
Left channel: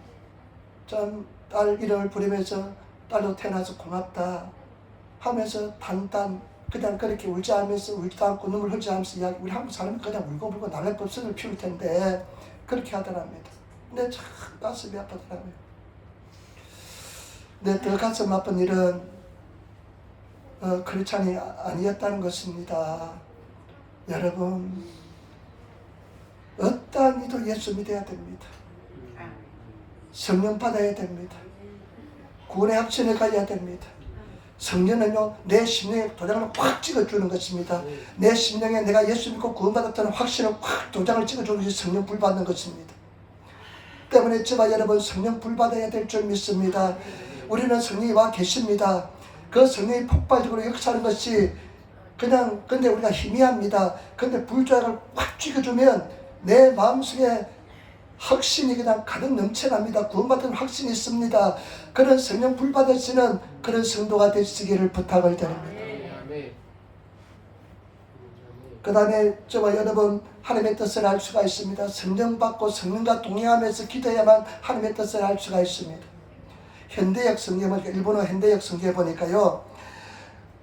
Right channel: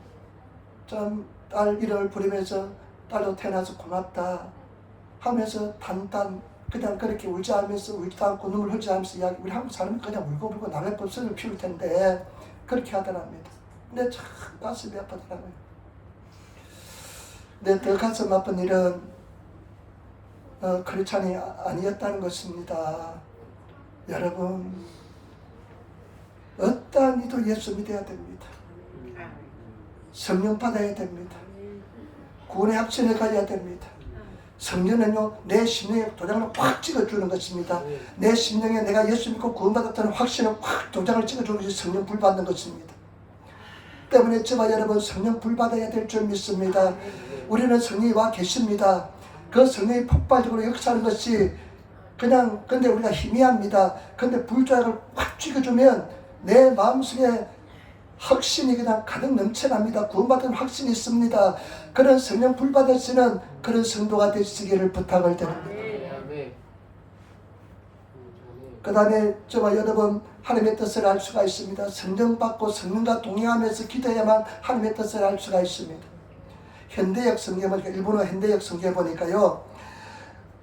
참 딸 이름을 부르면서 딸도 태어나서 고맙다 하면서 단단 그냥 그렇게 울지 않으면서 울지도 않고 눈물 흘리지 않으면서 이야기. 우리 한국 사람은 그냥 울고불고 날래법선을 피울 텐데 그렇게 하더랍니다. 근데 참 가슴이 아프더라고요. 근데 더 가슴 아픈 일은 크리스찬이 아니었다는 것입니다. 여러분, 어떠한 이도 예수 믿어야 됩니다. 성령 받아야 됩니다. 구원의 확신을 가져야 됩니다. 성령은요, 내 심령에 도장을 확 찍어주는 것입니다. 내 심령에 내가 예수 믿고 구원받았다는 확신을 확 도장을 찍어주는 것이 성령 불 받는 것입니다. 때문에 저와 여러분 성령 불 받아야 될 줄 믿습니다. 우리는 성령이 와 계십니다. 그 성령이 폭발적으로 역사하는 것이 근데 우리가 희미합니다. 근데 불조약을 확 찍어주면 내 마음속에 확신이 그냥 가득 넘쳐납니다. 구원받은 확신이 있습니다. 그런 성령 불 받으시는 그런 성도가 되시기를 부탁을 드립니다. 그 다음에 저와 여러분 하나님의 뜻을 알 수가 있습니다. 성령 받고 성령과 동행하면서 기도해야만 하나님의 뜻을 알 수가 있습니다. 현대역 성경에 보니까 일본어 현대역 성경에 보니까요.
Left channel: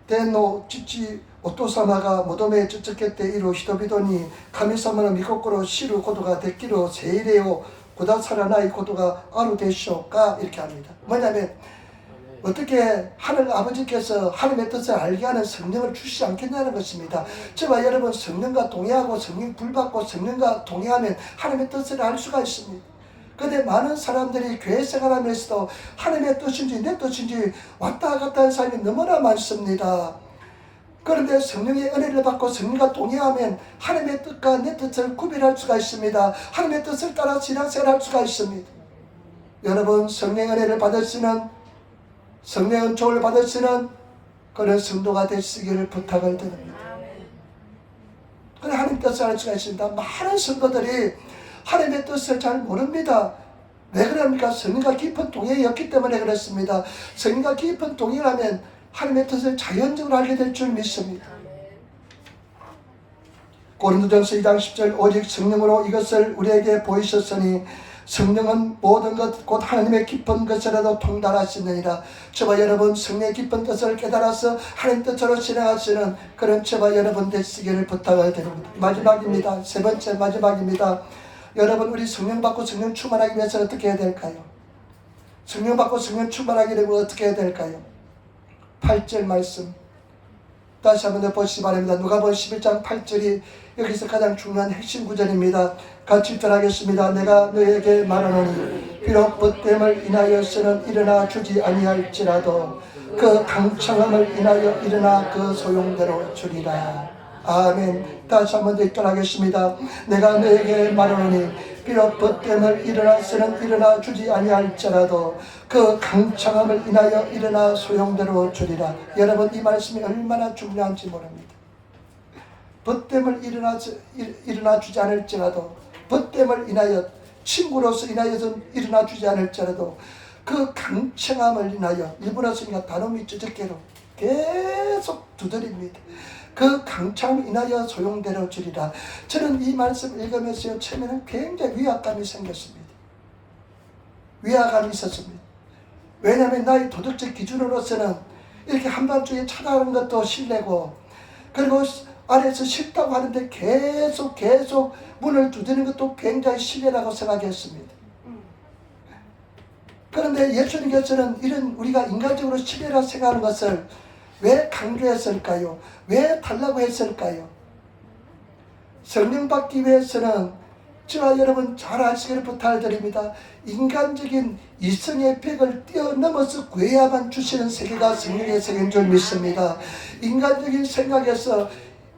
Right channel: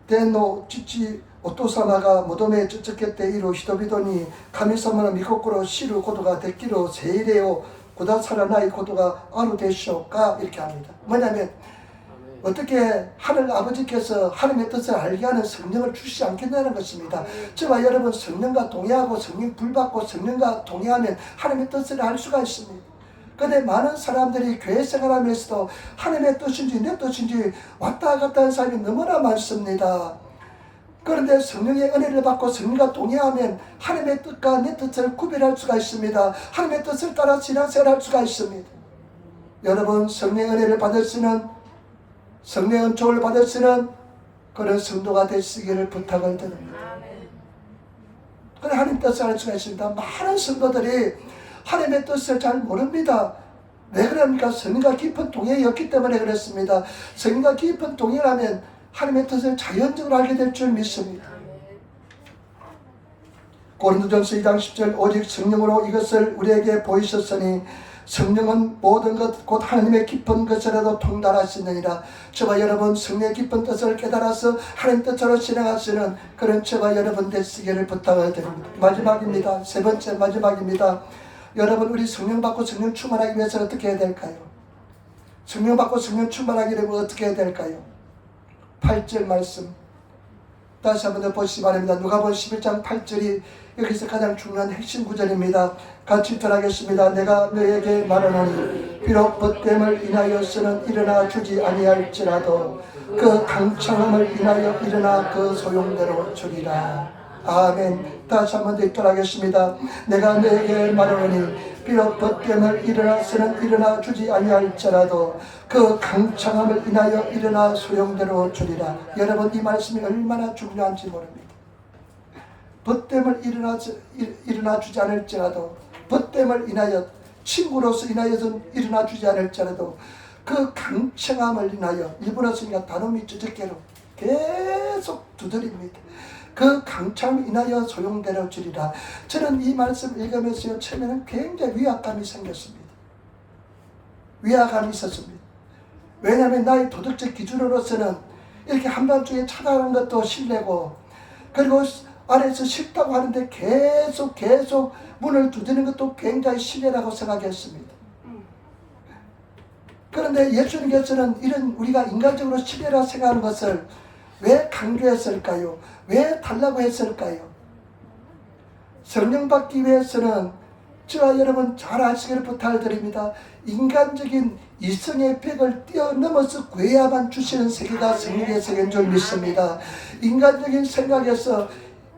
데노 지치 오토사마가 모도메 쩌쩌겠대 이루 히토비도니 카미사마의 미코코로 시루 고도가 데키로 세이레오 고다사라나이 고도가 아루 되시오까 이렇게 합니다. 뭐냐면 어떻게 하늘 아버지께서 하나님의 뜻을 알게 하는 성령을 주시지 않겠냐는 것입니다. 저와 여러분 성령과 동의하고 성령 불받고 성령과 동의하면 하나님의 뜻을 알 수가 있습니다. 그런데 많은 사람들이 교회 생활하면서도 하나님의 뜻인지 내 뜻인지 왔다 갔다 하는 사람이 너무나 많습니다. 그런데 성령의 은혜를 받고 성령과 동의하면 하나님의 뜻과 내 뜻을 구별할 수가 있습니다. 하나님의 뜻을 따라 신앙생활을 할 수가 있습니다. 여러분 성령의 은혜를 받으시는 성령의 은총을 받으시는 그런 성도가 되시기를 부탁을 드립니다. 그래 하나님 뜻을 알 수가 있습니다. 많은 성도들이 하나님의 뜻을 잘 모릅니다. 왜 그럽니까? 성령과 깊은 동행이 없기 때문에 그렇습니다. 성령과 깊은 동행을 하면 하나님의 뜻을 자연적으로 알게 될 줄 믿습니다. 고린도전서 2장 10절 오직 성령으로 이것을 우리에게 보이셨으니 성령은 모든 것 곧 하나님의 깊은 것이라도 통달하시느니라. 저와 여러분 성령의 깊은 뜻을 깨달아서 하나님 뜻으로 진행하시는 그런 저와 여러분 되시기를 부탁을 드립니다. 마지막입니다. 세 번째 마지막입니다. 여러분 우리 성령 받고 성령 충만하기 위해서 어떻게 해야 될까요? 성령 받고 성령 충만하기 위해서 어떻게 해야 될까요? 8절 말씀 다시 한번 더 보시기 바랍니다. 누가복음 11장 8절이 여기서 가장 중요한 핵심 구절입니다. 같이 읽도록하겠습니다. 내가 너에게 말하노니 비록 벗됨을 인하여서는 일어나 주지 아니할지라도 그 강청함을 인하여 일어나 그 소용대로 주리라. 아멘. 다시 한번 더 읽도록 하겠습니다. 내가 너에게 말하노니 비록 벗됨을 일어나서는 일어나 주지 아니할지라도 그 강청함을 인하여 일어나 소용대로 주리라. 여러분, 이 말씀이 얼마나 중요한지 모릅니다. 벗됨을 일어나 주지 않을지라도, 벗됨을 인하여, 친구로서 인하여서 일어나 주지 않을지라도 그 강청함을 인하여, 일본어 쓰니까 단어미 쩌적개로 계속 두드립니다. 그 강청함을 인하여 소용대로 주리라. 저는 이 말씀 읽으면서 처음에는 굉장히 위압감이 생겼습니다. 위압감이 있었습니다. 왜냐하면 나의 도덕적 기준으로서는 이렇게 한밤중에 찾아가는 것도 실례고, 그리고 안에서 싫다고 하는데 계속 문을 두드리는 것도 굉장히 실례라고 생각했습니다. 그런데 예수님께서는 이런 우리가 인간적으로 실례라 생각하는 것을 왜 강조했을까요? 왜 달라고 했을까요? 성령 받기 위해서는 저와 여러분 잘 아시기를 부탁드립니다. 인간적인 이성의 벽을 뛰어넘어서 구해야만 주시는 세계가 성령의 세계인 줄 믿습니다. 인간적인 생각에서,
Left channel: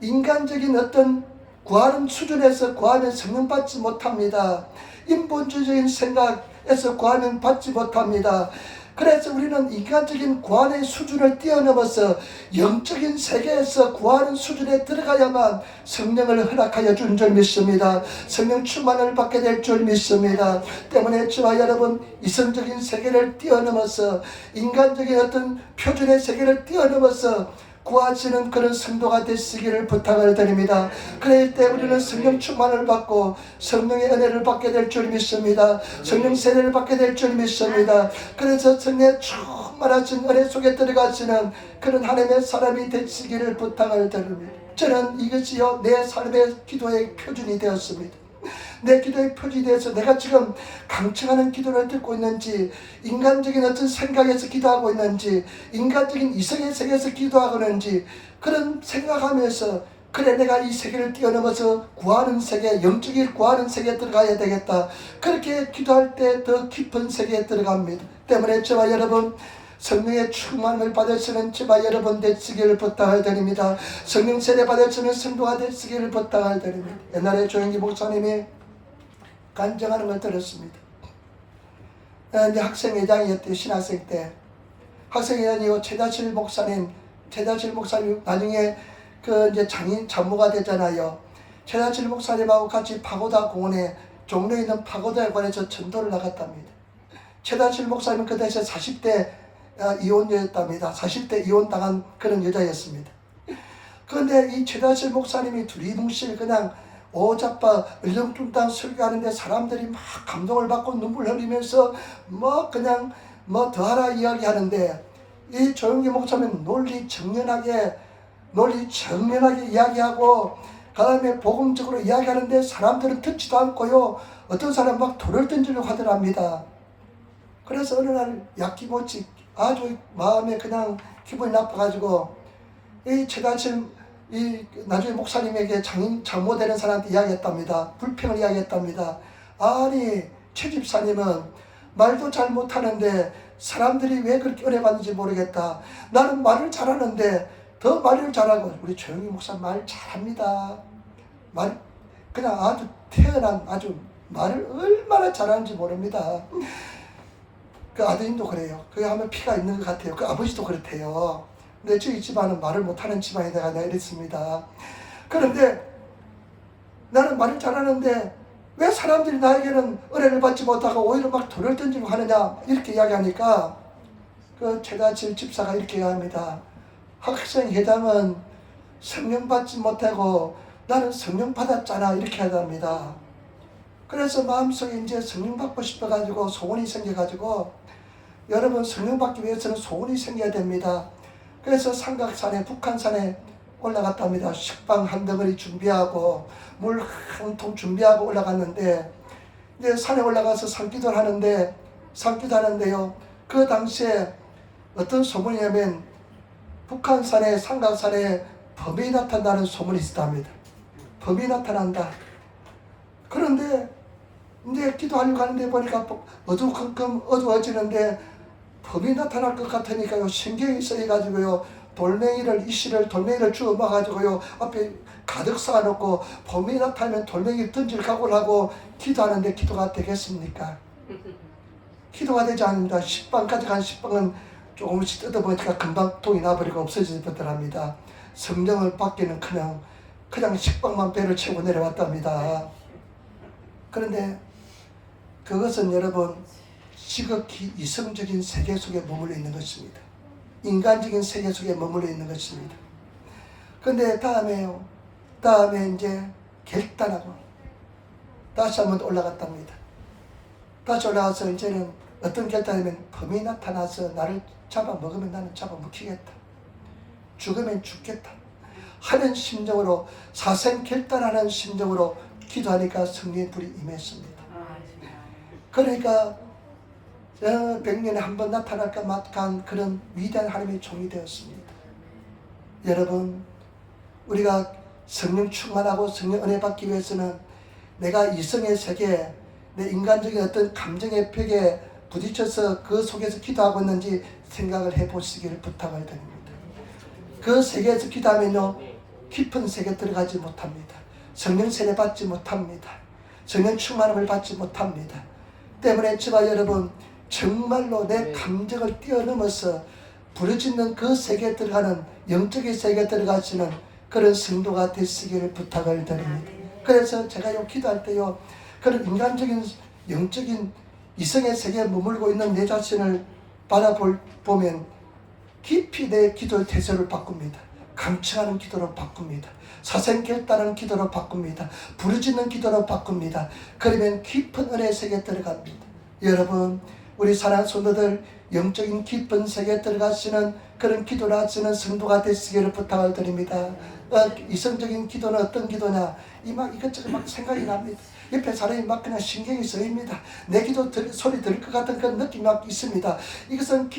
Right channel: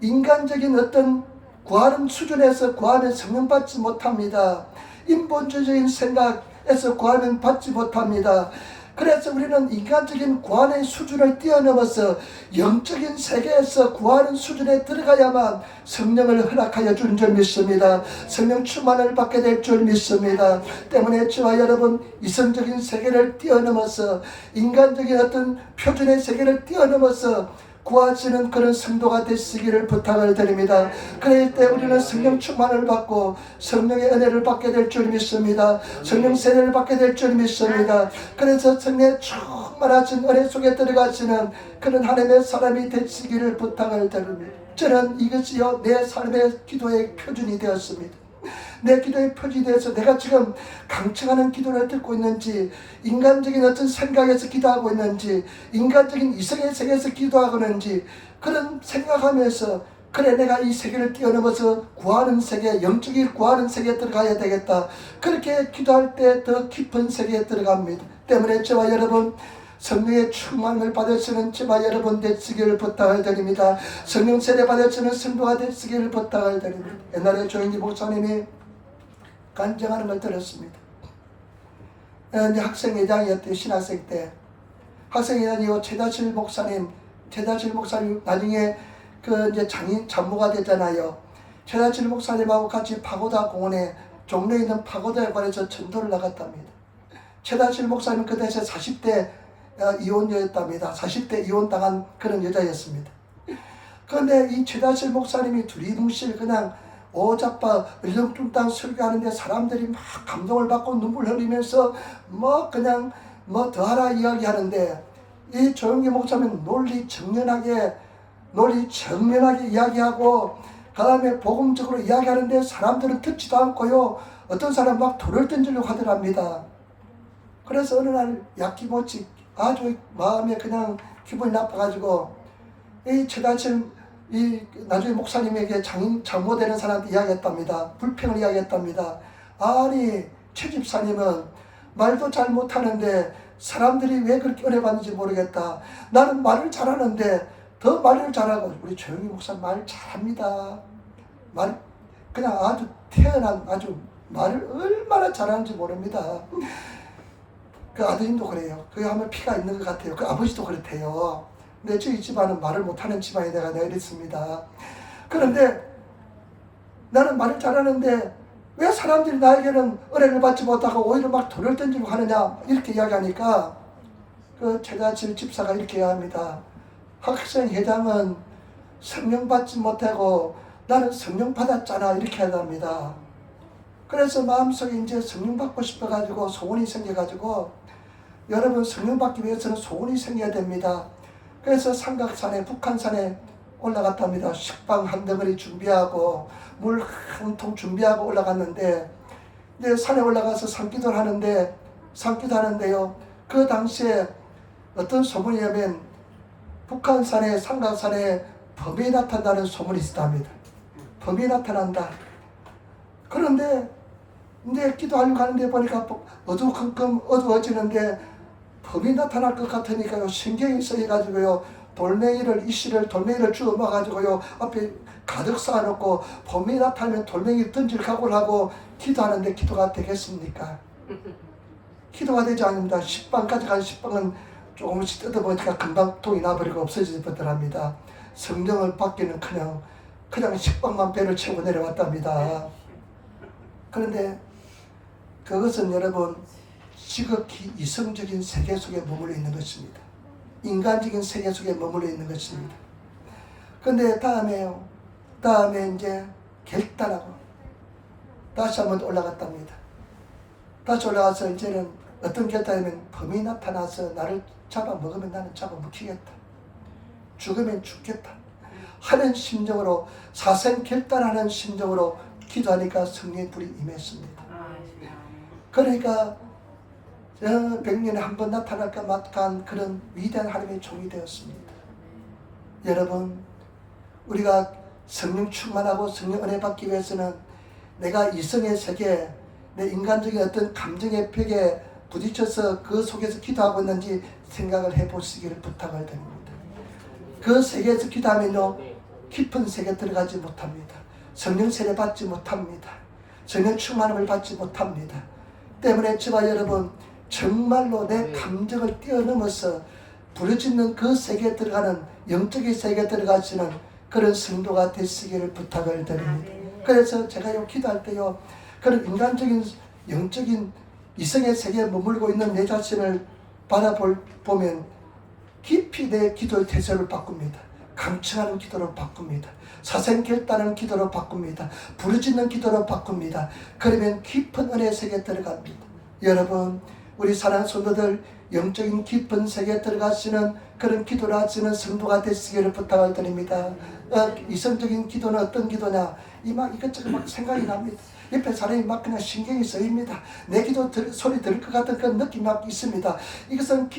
인간적인 어떤 구하는 수준에서 구하면 성령 받지 못합니다. 인본주의적인 생각에서 구하면 받지 못합니다. 그래서 우리는 인간적인 구원의 수준을 뛰어넘어서 영적인 세계에서 구하는 수준에 들어가야만 성령을 허락하여 준 줄 믿습니다. 성령 충만을 받게 될 줄 믿습니다. 때문에 저와 여러분, 이성적인 세계를 뛰어넘어서, 인간적인 어떤 표준의 세계를 뛰어넘어서 구하시는 그런 성도가 되시기를 부탁을 드립니다. 그럴 때 우리는 성령 충만을 받고 성령의 은혜를 받게 될 줄 믿습니다. 성령 세례를 받게 될 줄 믿습니다. 그래서 성령의 충만하신 은혜 속에 들어가시는 그런 하나님의 사람이 되시기를 부탁을 드립니다. 저는 이것이요 내 삶의 기도의 표준이 되었습니다. 내 기도의 표준이 되어서 내가 지금 강청하는 기도를 듣고 있는지, 인간적인 어떤 생각에서 기도하고 있는지, 인간적인 이성의 세계에서 기도하고 있는지, 그런 생각하면서 그래 내가 이 세계를 뛰어넘어서 구하는 세계, 영적인 구하는 세계에 들어가야 되겠다. 그렇게 기도할 때 더 깊은 세계에 들어갑니다. 때문에 저와 여러분, 성령의 충만을 받으시는 저와 여러분 되시기를 부탁을 드립니다. 성령 세례 받으시는 성도가 되시기를 부탁을 드립니다. 옛날에 조영기 목사님이 간증하는 걸 들었습니다. 이제 학생회장이었대요. 신학생 때 학생회장이고 최다실 목사님 나중에 그 이제 장모가 되잖아요. 최다실 목사님하고 같이 파고다 공원에 종로에 있는 파고다에 관해서 전도를 나갔답니다. 최다실 목사님은 그 당시에 40대 이혼녀였답니다. 40대 이혼당한 그런 여자였습니다. 그런데 이 최다실 목사님이 두리뭉실 그냥 오잡바 을렁뚱땅 설교하는데 사람들이 막 감동을 받고 눈물 흘리면서 그냥 더하라 이야기하는데, 이 조영기 목사님은 논리 정연하게 이야기하고 그 다음에 복음적으로 이야기하는데 사람들은 듣지도 않고요, 어떤 사람 막 돌을 던지려고 하더랍니다. 그래서 어느 날 약기못이 아주 마음에 그냥 기분이 나빠가지고 이 최다실 나중에 목사님에게 장모 되는 사람한테 이야기했답니다. 불평을 이야기했답니다. 아니 최 집사님은 말도 잘 못하는데 사람들이 왜 그렇게 은혜받는지 모르겠다. 나는 말을 잘하는데 더 말을 잘하고, 우리 조영기 목사 말 잘합니다. 그냥 아주 태어난 아주 말을 얼마나 잘하는지 모릅니다. 그 아드님도 그래요. 그게 하면 피가 있는 것 같아요. 그 아버지도 그렇대요. 근데 저희 집안은 말을 못하는 집안이 내가 이랬습니다. 그런데 나는 말을 잘하는데 왜 사람들이 나에게는 은혜를 받지 못하고 오히려 막 돌을 던지고 하느냐, 이렇게 이야기하니까 그 최다실 집사가 이렇게 이야기합니다. 학생회장은 성령 받지 못하고 나는 성령 받았잖아, 이렇게 하답니다. 그래서 마음속에 이제 성령 받고 싶어가지고 소원이 생겨가지고, 여러분 성령 받기 위해서는 소원이 생겨야 됩니다. 그래서 삼각산에, 북한산에 올라갔답니다. 식빵 한 덩어리 준비하고 물 한 통 준비하고 올라갔는데, 이제 산에 올라가서 산기도를 하는데요, 그 당시에 어떤 소문이냐면 북한산에 상가산에 범이 나타난다는 소문이 있답니다. 범이 나타난다. 그런데 이제 기도하려고 하는데 보니까 어두컴컴 어두워지는데 범이 나타날 것 같으니까요, 신경이 쓰여가지고요, 이씨를 돌멩이를 주워 먹어가지고요 앞에 가득 쌓아놓고 범이 나타나면 돌멩이 던질 각오를 하고 기도하는데 기도가 되겠습니까? 기도가 되지 않습니다. 식빵까지 간 식빵은 조금씩 뜯어보니까 금방 통이 나버리고 없어지더랍니다. 성령을 받기는 그냥 식빵만 배를 채우고 내려왔답니다. 그런데 그것은 여러분 지극히 이성적인 세계 속에 머물러 있는 것입니다. 인간적인 세계 속에 머물러 있는 것입니다. 그런데 다음에 이제 결단하고 다시 한번 올라갔답니다. 다시 올라가서 이제는 어떤 결단이면 범이 나타나서 나를 잡아먹으면 나는 잡아먹히겠다. 죽으면 죽겠다 하는 심정으로, 사생 결단하는 심정으로 기도하니까 성령의 불이 임했습니다. 그러니까 100년에 한 번 나타날까 막한 그런 위대한 하나님의 종이 되었습니다. 여러분, 우리가 성령 충만하고 성령 은혜 받기 위해서는 내가 이성의 세계, 내 인간적인 어떤 감정의 벽에 부딪혀서 그 속에서 기도하고 있는지 생각을 해보시기를 부탁을 드립니다. 그 세계에서 기도하면요, 깊은 세계에 들어가지 못합니다. 성령 세례 받지 못합니다. 성령 충만함을 받지 못합니다. 때문에 저와 여러분, 정말로 내 감정을 뛰어넘어서 부르짖는 그 세계에 들어가는, 영적인 세계에 들어가시는 그런 성도가 되시기를 부탁을 드립니다. 그래서 제가 기도할 때요, 그런 인간적인 영적인 이성의 세계에 머물고 있는 내 자신을 바라보면 깊이 내 기도의 태세를 바꿉니다. 감청하는 기도로 바꿉니다. 사생결단하는 기도로 바꿉니다. 부르짖는 기도로 바꿉니다. 그러면 깊은 은혜의 세계에 들어갑니다. 여러분, 우리 사랑하는 성도들, 영적인 깊은 세계에 들어가시는 그런 기도를 하시는 성도가 되시기를 부탁을 드립니다. 이성적인 기도는 어떤 기도냐? 이것저것 생각이 납니다. 옆에 사람이 그냥 신경이 쓰입니다. 내 기도 소리 들을 것 같은 그런 느낌이 있습니다. 이것은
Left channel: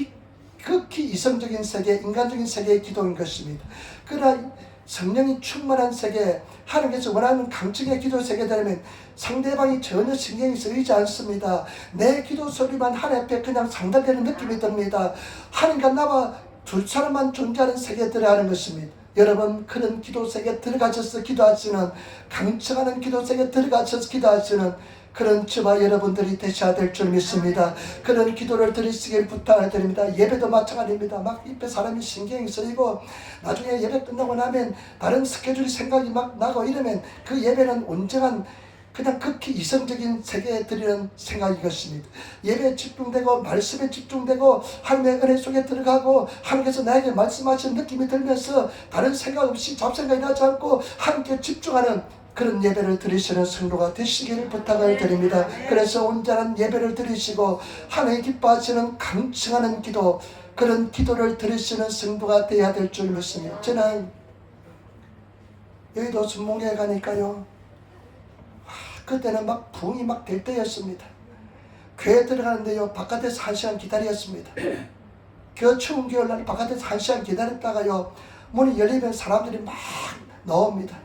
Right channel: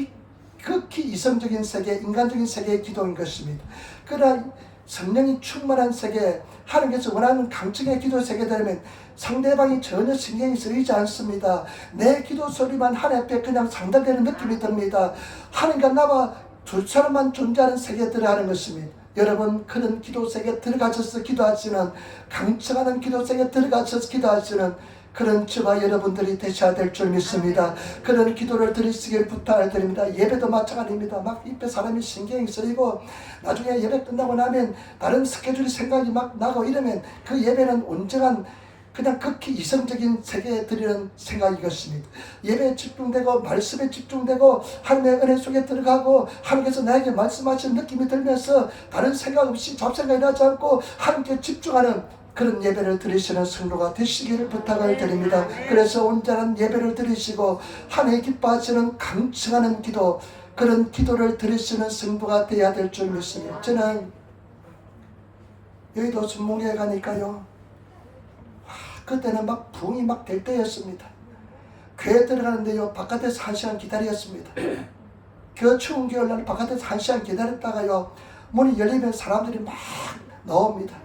극히 이성적인 세계, 인간적인 세계의 기도인 것입니다. 그러나 성령이 충만한 세계, 하나님께서 원하는 강적의 기도 세계에 되면 상대방이 전혀 신경이 쓰이지 않습니다. 내 기도 소리만 하나님 앞에 그냥 상달되는 느낌이 듭니다. 하나님과 나와 두 사람만 존재하는 세계에 들어가는 것입니다. 여러분, 그런 기도 세계에 들어가셔서 기도하시는, 강청하는 기도 세계에 들어가셔서 기도하시는 그런 저와 여러분들이 되셔야 될 줄 믿습니다. 그런 기도를 드리시길 부탁을 드립니다. 예배도 마찬가지입니다. 옆에 사람이 신경이 쓰이고 나중에 예배 끝나고 나면 다른 스케줄이 생각이 나고 이러면 그 예배는 온전한 그냥 극히 이성적인 세계에 드리는 생각이 것입니다. 예배에 집중되고 말씀에 집중되고 하나님의 은혜 속에 들어가고 하나님께서 나에게 말씀하시는 느낌이 들면서 다른 생각 없이 잡생각이 나지 않고 하나님께 집중하는 그런 예배를 드리시는 성도가 되시기를 부탁을 드립니다. 그래서 온전한 예배를 드리시고 하나님 기뻐하시는 강청하는 기도, 그런 기도를 드리시는 성도가 되어야 될 줄 믿습니다. 저는 여의도 순복리에 가니까요, 그때는 부흥이 될 때였습니다. 교회 들어가는데요, 바깥에서 1시간 기다렸습니다. 그 추운 겨울날 바깥에서 1시간 기다렸다가요, 문이 열리면 사람들이 막 나옵니다.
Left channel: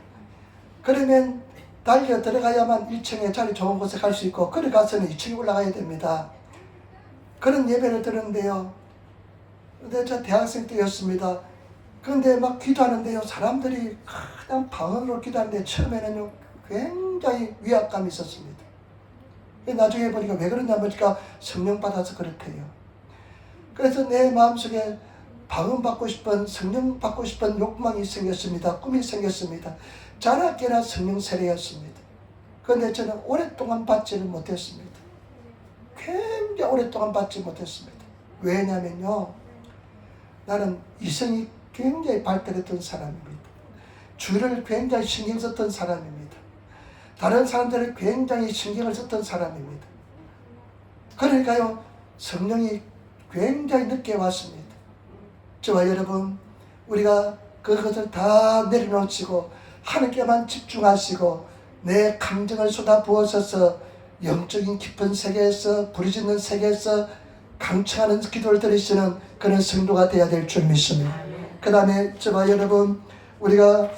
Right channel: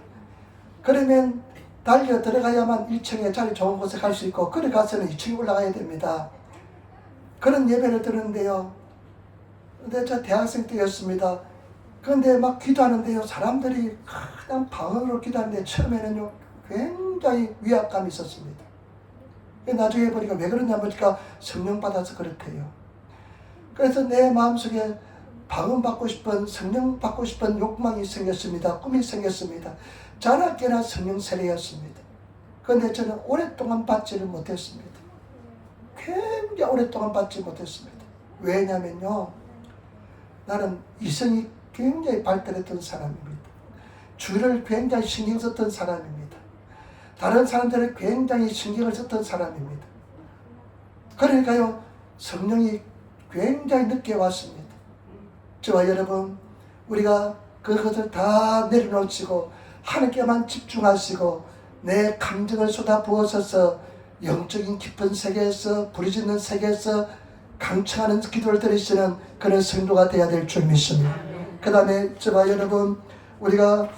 그러면 달려 들어가야만 1층에 자리 좋은 곳에 갈 수 있고, 그래 가서는 2층에 올라가야 됩니다. 그런 예배를 드렸는데요, 근데 저 대학생 때였습니다. 그런데 기도하는데요, 사람들이 그냥 방언으로 기도하는데 처음에는요 굉장히 위압감이 있었습니다. 나중에 보니까 왜 그러냐 보니까 성령 받아서 그렇대요. 그래서 내 마음속에 방언 받고 싶은, 성령 받고 싶은 욕망이 생겼습니다. 꿈이 생겼습니다. 자나깨나 성령 세례였습니다. 그런데 저는 오랫동안 받지를 못했습니다. 굉장히 오랫동안 받지 못했습니다. 왜냐면요, 나는 이성이 굉장히 발달했던 사람입니다. 주를 굉장히 신경 썼던 사람입니다. 다른 사람들은 굉장히 신경을 썼던 사람입니다. 그러니까요, 성령이 굉장히 늦게 왔습니다. 저와 여러분, 우리가 그것을 다 내려놓치고 하나님께만 집중하시고 내 감정을 쏟아부어서 영적인 깊은 세계에서, 부르짖는 세계에서 강청하는 기도를 드리시는 그런 성도가 되어야 될 줄 믿습니다. 그 다음에 저와 여러분 우리가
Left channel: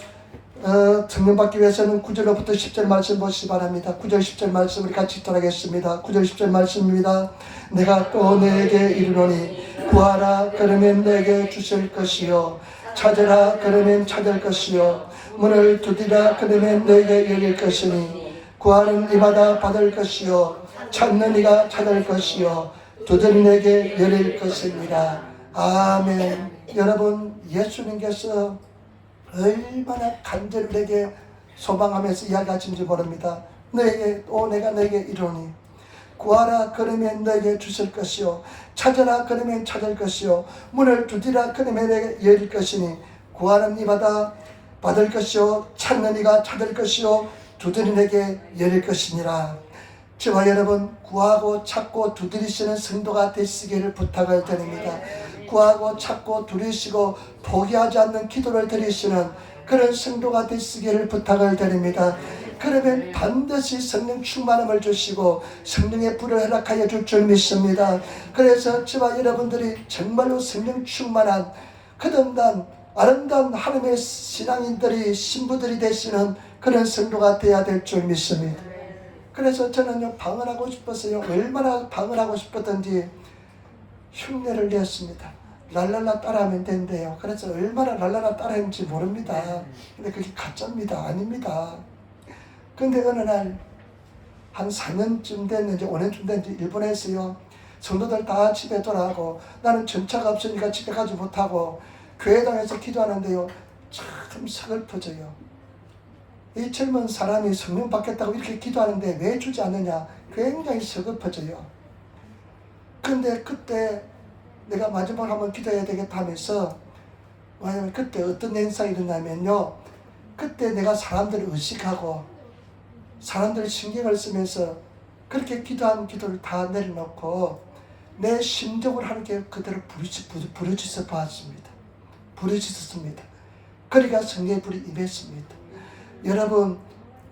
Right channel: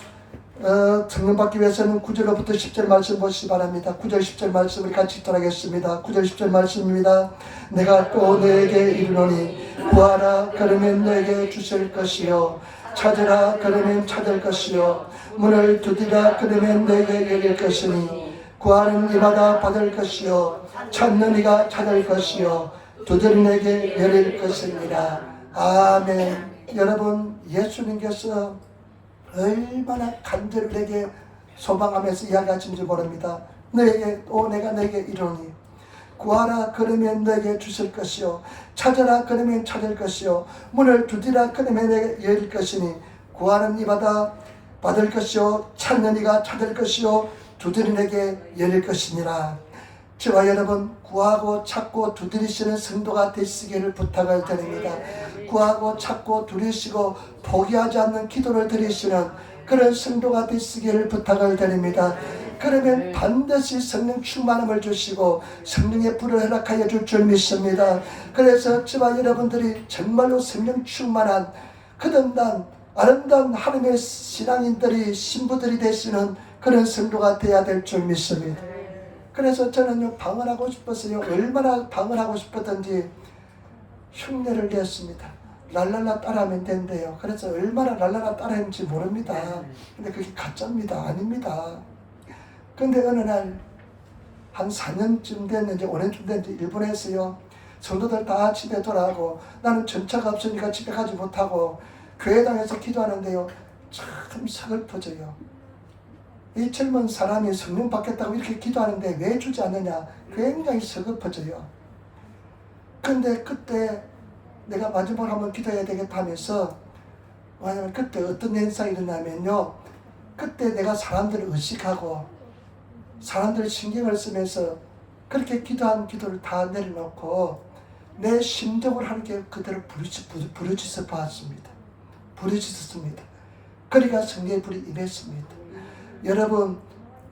성령 받기 위해서는 9절로부터 10절 말씀 보시기 바랍니다. 9절 10절 말씀 우리 같이 읽도록하겠습니다. 9절 10절 말씀입니다. 내가 또 너에게 이르노니 구하라 그러면 내게 주실 것이요 찾으라 그러면 찾을 것이요 문을 두드리라 그러면 내게 열릴 것이니 구하는 이마다 받을 것이요 찾는 이가 찾을 것이요 두드리는 이에게 열릴 것입니다. 아멘. 여러분 예수님께서 얼마나 간절하게 소망하면서 이야기하신지 모릅니다. 너에게 또 내가 너에게 이르노니 구하라 그러면 너에게 주실 것이요 찾으라 그러면 찾을 것이요 문을 두드리라 그러면 내게 열릴 것이니 구하는 이마다 받을 것이요 찾는 이가 찾을 것이요 두드리는 이에게 열릴 것이니라. 저와 여러분 구하고 찾고 두드리시는 성도가 되시기를 부탁을 드립니다. 구하고 찾고 두드리시고 포기하지 않는 기도를 드리시는 그런 성도가 되시기를 부탁을 드립니다. 그러면 반드시 성령 충만함을 주시고 성령의 불을 허락하여 줄 줄 믿습니다. 그래서 저와 여러분들이 정말로 성령 충만한 거듭난 아름다운 하나님의 신앙인들이 신부들이 되시는 그런 성도가 되어야 될 줄 믿습니다. 그래서 저는요 방언하고 싶었어요. 얼마나 방언하고 싶었던지 흉내를 냈습니다. 랄랄라 따라하면 된대요. 그래서 얼마나 랄랄라 따라했는지 모릅니다. 근데 그게 가짜입니다. 아닙니다. 근데 어느 날 한 4년쯤 됐는지 5년쯤 됐는지 일본에서요 성도들 다 집에 돌아가고 나는 전차가 없으니까 집에 가지 못하고 교회당에서 기도하는데요 참 서글퍼져요. 이 젊은 사람이 성령 받겠다고 이렇게 기도하는데 왜 주지 않느냐 굉장히 서글퍼져요. 근데 그때 내가 마지막으로 한번 기도해야 되겠다 하면서 그때 어떤 현상이 일어나면요 그때 내가 사람들을 의식하고 사람들 신경을 쓰면서 그렇게 기도한 기도를 다 내려놓고 내 심정을 하나님께 그대로 부르짖어 봤습니다. 부르짖었습니다. 그러니까 성령의 불이 임했습니다. 여러분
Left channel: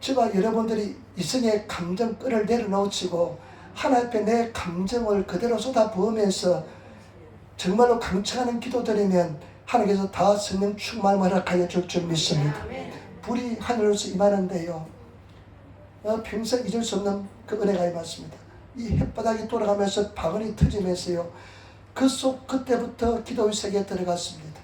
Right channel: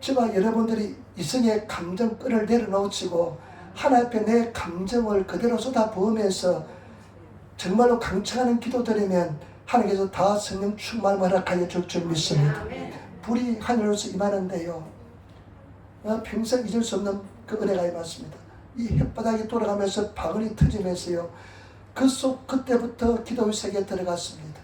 저와 여러분들이 이성의 감정끈을 내려놓으시고 하나님 앞에 내 감정을 그대로 쏟아부으면서 정말로 강청하는 기도 드리면 하나님께서 다 성령 충만을 허락하여 줄 줄 믿습니다. 불이 하늘로서 임하는데요 평생 잊을 수 없는 그 은혜가 임했습니다. 이 햇바닥이 돌아가면서 방언이 터지면서요 그때부터 기도의 세계에 들어갔습니다.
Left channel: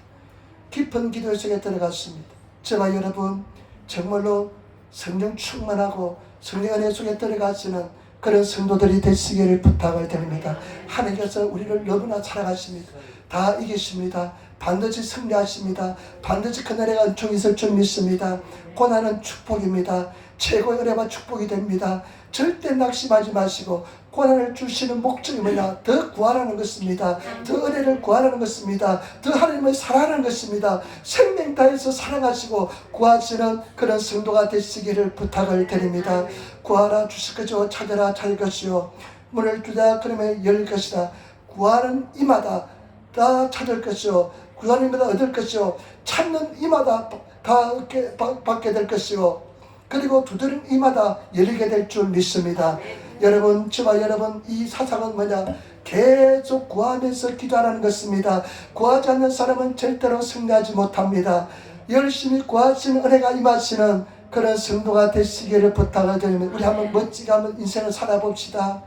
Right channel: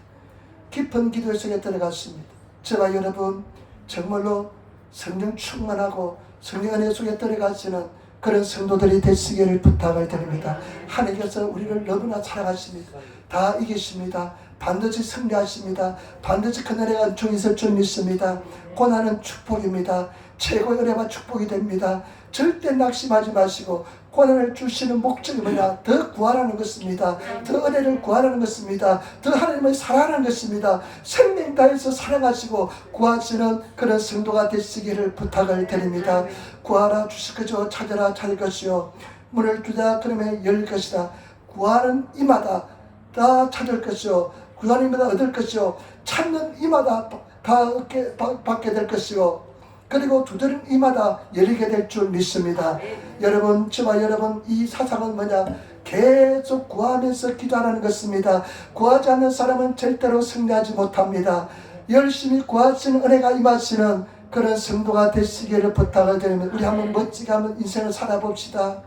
깊은 기도의 세계에 들어갔습니다. 저와 여러분 정말로 성령 충만하고 성령 은혜 속에 들어가시는 그런 성도들이 되시기를 부탁을 드립니다. 하나님께서 우리를 너무나 사랑하십니다. 다 이기십니다. 반드시 승리하십니다. 반드시 그날의 은총이 있을 줄 믿습니다. 고난은 축복입니다. 최고의 은혜와 축복이 됩니다. 절대 낙심하지 마시고 고난을 주시는 목적이 뭐냐? 더 구하라는 것입니다. 더 은혜를 구하라는 것입니다. 더 하나님을 사랑하는 것입니다. 생명 다해서 사랑하시고 구하시는 그런 성도가 되시기를 부탁을 드립니다. 구하라 주실 것이요 찾으라 찾을 것이요 문을 두다 그러면 열릴 것이다. 구하는 이마다 다 찾을 것이요 구하는 이마다 얻을 것이요 찾는 이마다 다 받게 될 것이요 그리고 두드린 이마다 열리게 될 줄 믿습니다. 여러분 저와 여러분 이 사상은 뭐냐? 계속 구하면서 기도하는 것입니다. 구하지 않는 사람은 절대로 승리하지 못합니다. 열심히 구하시는 은혜가 임하시는 그런 성도가 되시기를 부탁을 드립니다. 우리 한번 멋지게 한번 인생을 살아봅시다.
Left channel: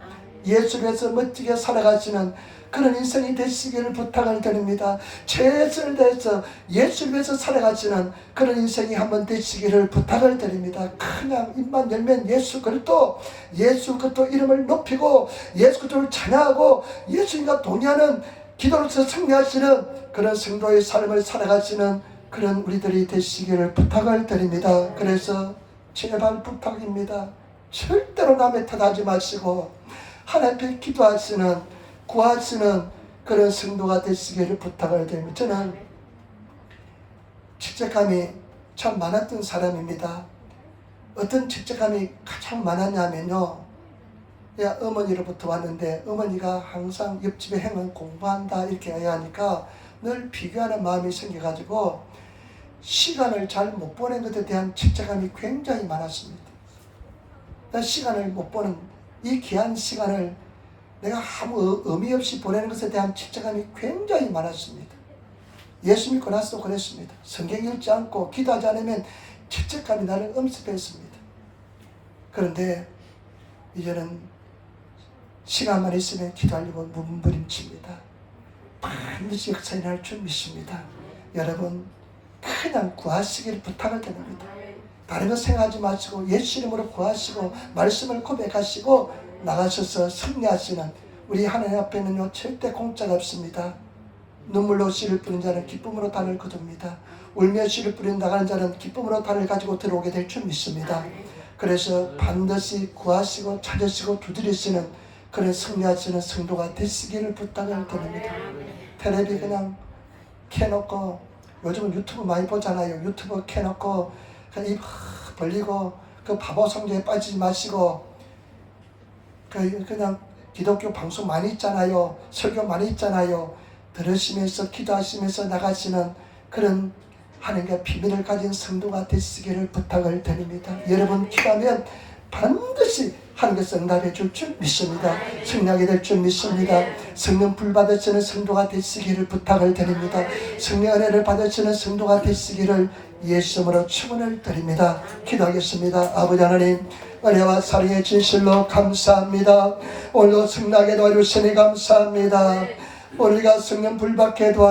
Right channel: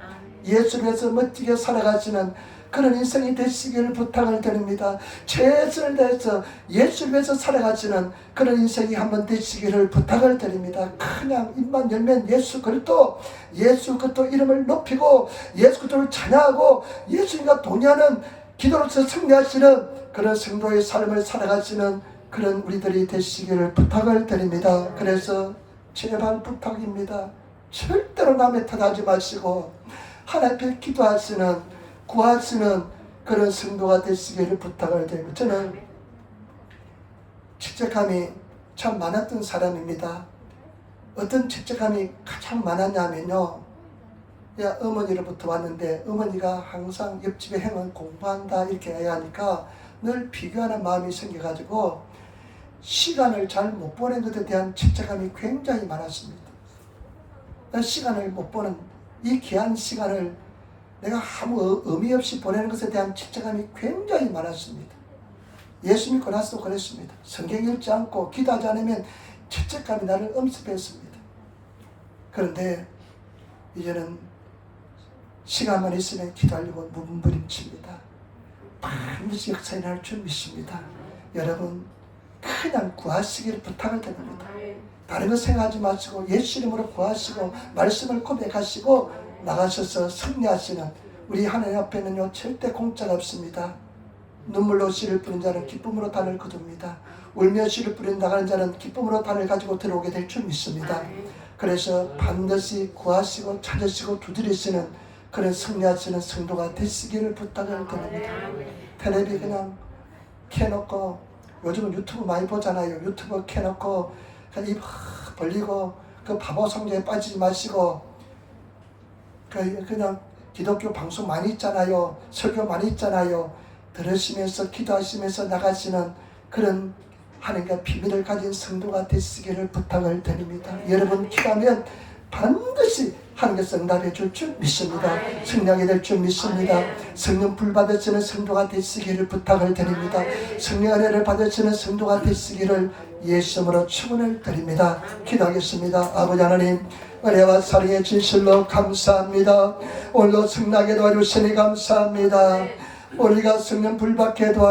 예수를 위해서 멋지게 살아가시는 그런 인생이 되시기를 부탁을 드립니다. 최선을 다해서 예수를 위해서 살아가시는 그런 인생이 한번 되시기를 부탁을 드립니다. 그냥 입만 열면 예수 그리스도 이름을 높이고 예수 그리스도를 찬양하고 예수님과 동의하는 기도로서 승리하시는 그런 성도의 삶을 살아가시는 그런 우리들이 되시기를 부탁을 드립니다. 그래서 제발 부탁입니다. 절대로 남의 탓하지 마시고 하나님 앞에 기도하시는 구하시는 그런 성도가 되시기를 부탁을 드립니다. 저는 죄책감이 참 많았던 사람입니다. 어떤 죄책감이 가장 많았냐면요. 어머니로부터 왔는데 어머니가 항상 옆집에 형은 공부한다 이렇게 해야 하니까 늘 비교하는 마음이 생겨가지고 시간을 잘 못 보낸 것에 대한 죄책감이 굉장히 많았습니다. 시간을 못 보는 이 귀한 시간을 내가 아무 의미 없이 보내는 것에 대한 죄책감이 굉장히 많았습니다. 예수 믿고 나서도 그랬습니다. 성경 읽지 않고 기도하지 않으면 죄책감이 나를 엄습했습니다. 그런데 이제는 시간만 있으면 기도하려고 몸부림칩니다. 반드시 역사에 날 줄 믿습니다. 여러분 그냥 구하시기를 부탁을 드립니다. 다른 거 생각하지 마시고 예수 이름으로 구하시고 말씀을 고백하시고 나가셔서 승리하시는 우리 하나님 앞에는요 절대 공짜가 없습니다. 눈물로 씨를 뿌린 자는 기쁨으로 단을 거둡니다. 울며 씨를 뿌린 나가는 자는 기쁨으로 단을 가지고 들어오게 될 줄 믿습니다. 그래서 반드시 구하시고 찾으시고 두드리시는 그런 승리하시는 성도가 되시기를 부탁을 드립니다. 텔레비 그냥 켜놓고 요즘은 유튜브 많이 보잖아요. 유튜브 켜놓고 그냥 입 벌리고 그 바보 성경에 빠지지 마시고 그냥 기독교 방송 많이 있잖아요. 설교 많이 있잖아요. 들으시면서 기도하시면서 나가시는 그런 하나님과 비밀을 가진 성도가 되시기를 부탁을 드립니다. 여러분 기도하면 반드시 하나님께서 응답해 줄 줄 믿습니다. 승리하게 될 줄 믿습니다. 성령 불 받으시는 성도가 되시기를 부탁을 드립니다. 성령 은혜를 받으시는 성도가 되시기를 예수님으로 축원을 드립니다. 기도하겠습니다. 아버지 하나님 은혜와 사랑의 진실로 감사합니다. 오늘도 승리하게 도와주시니 감사합니다. 우리가 성령 불 받게 도와